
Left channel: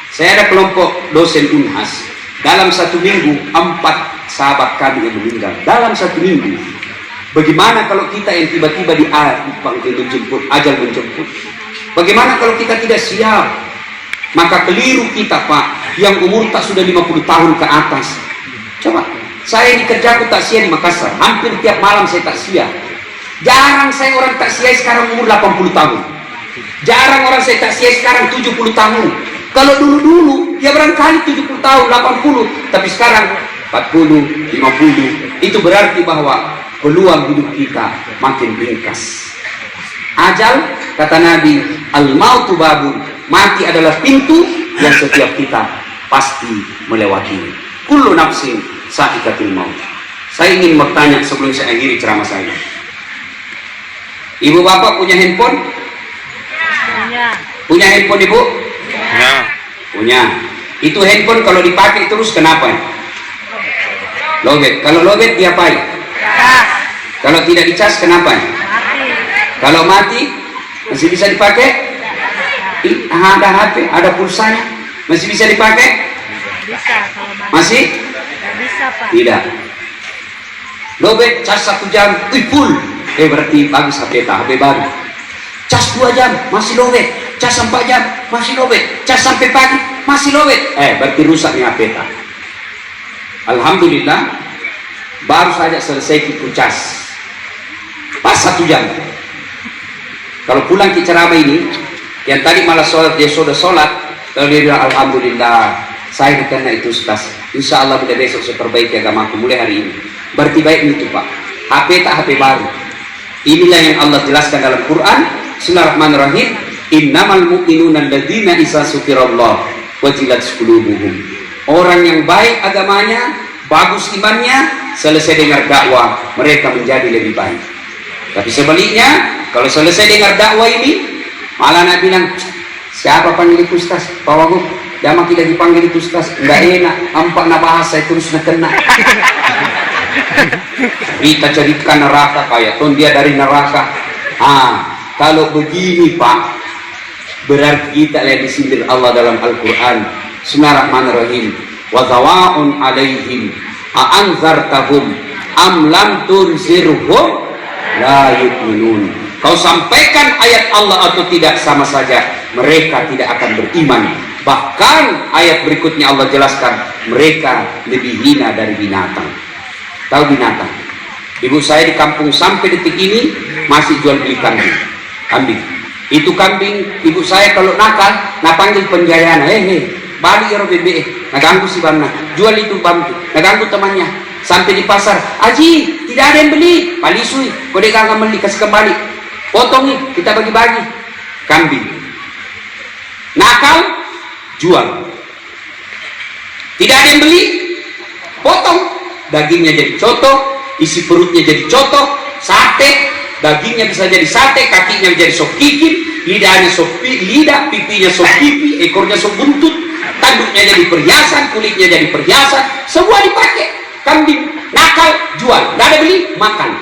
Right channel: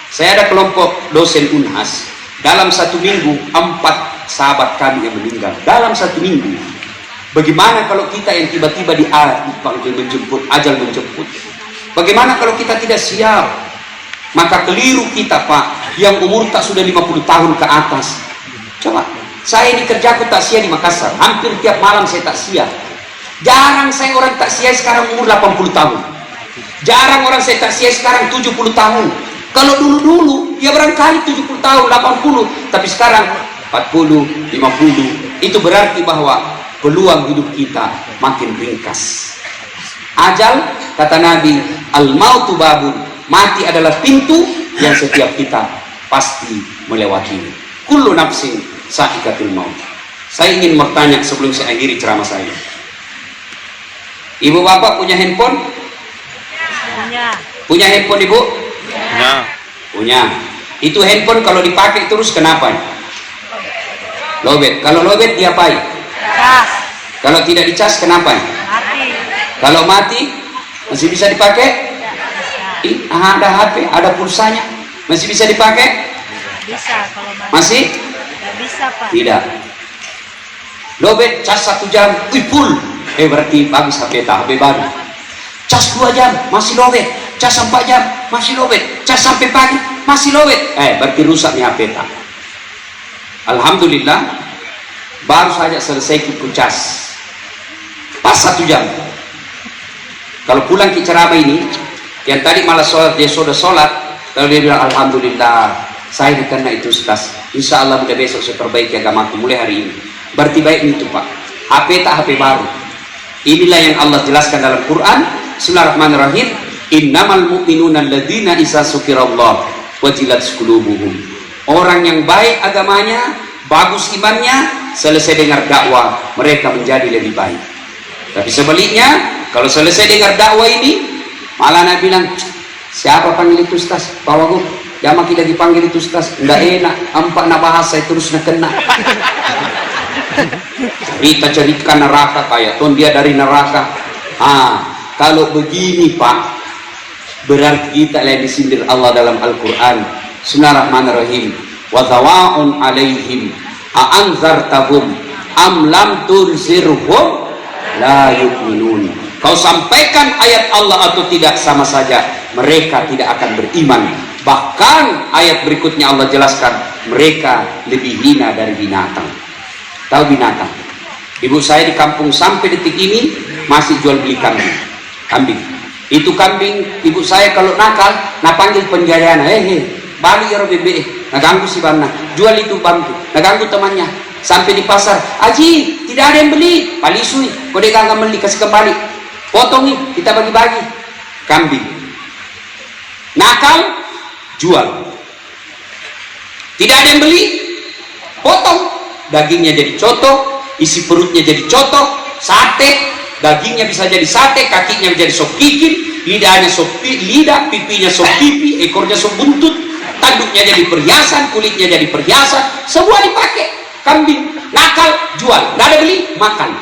Saya ada kelompok dosen Unhas. Dalam 1 minggu 4 sahabat kami yang meninggal. Dalam 1 minggu. Bagaimana kalau kita yang tiba-tiba menjemput, ajal menjemput? Bagaimana kalau kita tidak siap? Maka keliru kita Pak, yang umur tak sudah 50 tahun ke atas. Coba, saya di kerjaku takziah di Makassar, hampir tiap malam saya takziah. Jarang saya orang takziah sekarang umur 80 tahun. Jarang orang saya takziah sekarang 70 tahun. Kalau dulu-dulu dia barangkali 70 tahun, 80, tapi sekarang 40, 50. Itu berarti bahwa peluang hidup kita makin ringkas. Ajal, kata Nabi, al-mautu babun, mati adalah pintu yang setiap kita pasti melewati. Kullu nafsin sa'iqatul maut. Saya ingin bertanya sebelum saya akhiri ceramah saya. Ibu bapak punya handphone? Punya. Punya handphone ibu? Punya. Punya. Itu handphone kalau dipakai terus kenapa? Lobet. Kalau lobet diapain? Cas. Kalau tidak dicas kenapa? Mati. Kalau mati masih bisa dipakai? Ada HP, ada pulsanya, masih bisa dipakai? Bisa kalau masih? Tidak bisa Pak. Tidak. Lobet cas 1 jam, full. Berarti bagus HP baru. Cas 2 jam masih lobet, cas 4 jam masih lobet, cas sampai pagi masih lobet. Berarti rusak nih HP. Alhamdulillah, baru saja selesai kita cas. Pas 1 jam. Kalau pulang ke ceramah ini, yang tadi malah sholat, dia sudah sholat, kalau dia bilang alhamdulillah saya bukan itu Ustaz, insya Allah mulai besok saya perbaiki agamaku mulai hari ini. Berarti baik itu Pak. HP tak HP baru. Inilah yang Allah jelaskan dalam Quran. Bismillahirrahmanirrahim. Innamal mu'minuna alladzina idza dzukirallah wajilat qulubuhum. Orang yang baik agamanya bagus imannya, selesai dengar dakwah mereka menjadi lebih baik. Tapi sebaliknya, kalau selesai dengar dakwah ini malah nak bilang, siapa panggil itu Ustaz? Pak Wagub, jangan kita dipanggil itu Ustaz, enggak enak, ampak nak bahasa terus nak kena. Cerita neraka kayak ton dia dari neraka. Kalau begini Pak, berarti kita lihat disindir Allah dalam Al-Quran. Bismillahirrahmanirrahim. Wa tawa'un alaihim a'anzartahum am lam tunzirhum la yu'minun. Kau sampaikan ayat Allah atau tidak sama saja, mereka tidak akan beriman. Bahkan ayat berikutnya Allah jelaskan, mereka lebih hina dari binatang. Tahu binatang? Ibu saya di kampung sampai detik ini masih jual beli kambing. Itu kambing ibu saya kalau nakal, nak panggil penjayaan, balik ya bebe, nak ganggu si bana, jual itu bambu, nak ganggu temannya. Sampai di pasar, Aji tidak ada yang beli, palisui, kau dek nggak beli kasih kembali, potong nih, kita bagi-bagi kambing. Nakal, jual. Tidak ada yang beli, potong. Dagingnya jadi coto, isi perutnya jadi coto, sate, dagingnya bisa jadi sate, kakinya jadi sop kikil, lidahnya sop lidah, pipinya sop pipi, ekornya sop buntut, tanduknya jadi perhiasan, kulitnya jadi perhiasan, semua dipakai. Kambing, nakal, jual, nggak ada beli, makan.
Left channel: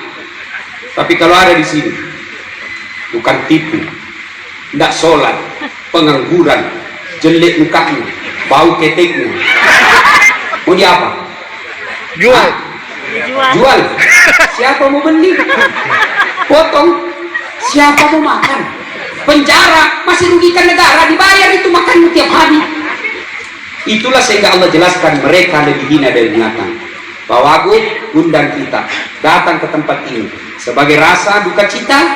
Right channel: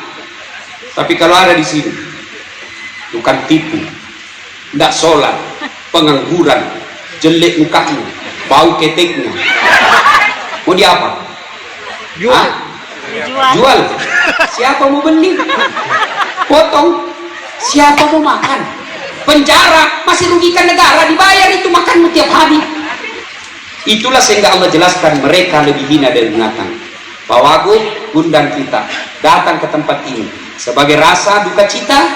Tapi kalau ada di sini, bukan tipu, nggak sholat, pengangguran, jelek mukanya, bau keteknya, mau di apa? Jual. Siapa mau beli? Potong. Siapa mau makan? Penjara, masih rugikan negara, dibayar itu makan tiap hari. Itulah sehingga Allah jelaskan mereka lebih hina dari binatang. Pak Wagub undang kita datang ke tempat ini sebagai rasa duka cita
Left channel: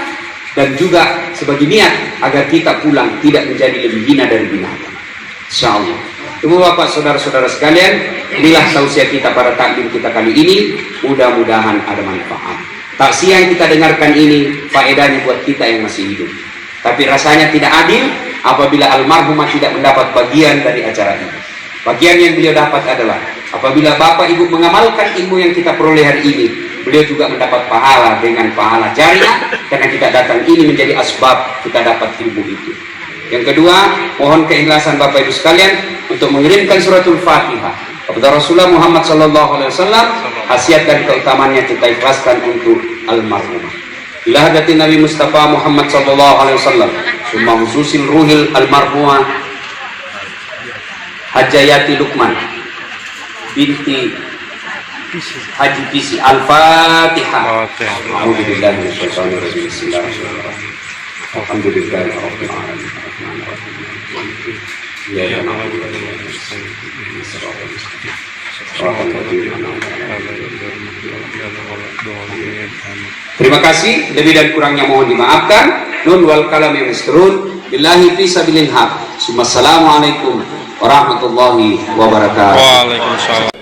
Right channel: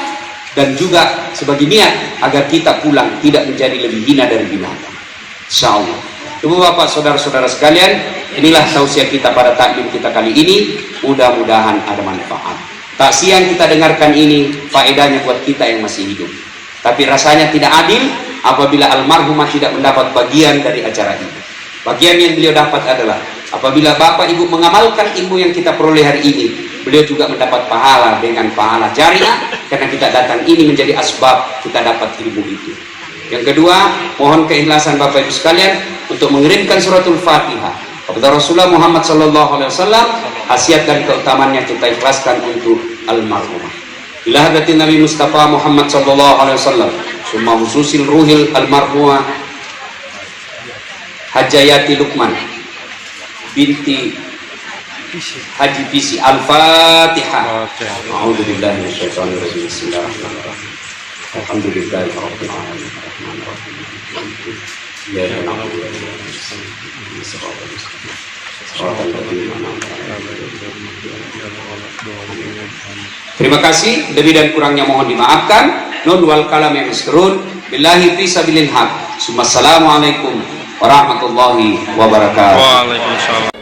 dan juga sebagai niat agar kita pulang tidak menjadi lebih hina dari binatang. Insyaallah. Ibu bapak saudara-saudara sekalian, inilah tausiah kita pada taklim kita kali ini. Mudah-mudahan ada manfaat. Taksiah yang kita dengarkan ini faedahnya buat kita yang masih hidup. Tapi rasanya tidak adil apabila almarhumah tidak mendapat bagian dari acara ini. Bagian yang beliau dapat adalah apabila bapak ibu mengamalkan ilmu yang kita peroleh hari ini, beliau juga mendapat pahala dengan pahala jariah karena kita datang ini menjadi asbab kita dapat ilmu itu. Yang kedua, mohon keikhlasan Bapak Ibu sekalian untuk mengirimkan suratul Fatihah kepada Rasulullah Muhammad SAW. Khasiat dan keutamaannya kita ikhlaskan untuk almarhumah. Ila hadatin Nabi Mustafa Muhammad SAW. Summa khususil ruhil almarhumah Hajayati Lukman binti Haji Pisi. Al-Fatihah. Alhamdulillah. Bismillahirrahmanirrahim. Alhamdulillah. Terima kasih, lebih dan kurangnya mohon dimaafkan. Nun wal kalam yang misrun billahi fi sabilil haq. Assalamualaikum warahmatullahi wabarakatuh. Waalaikumsalam.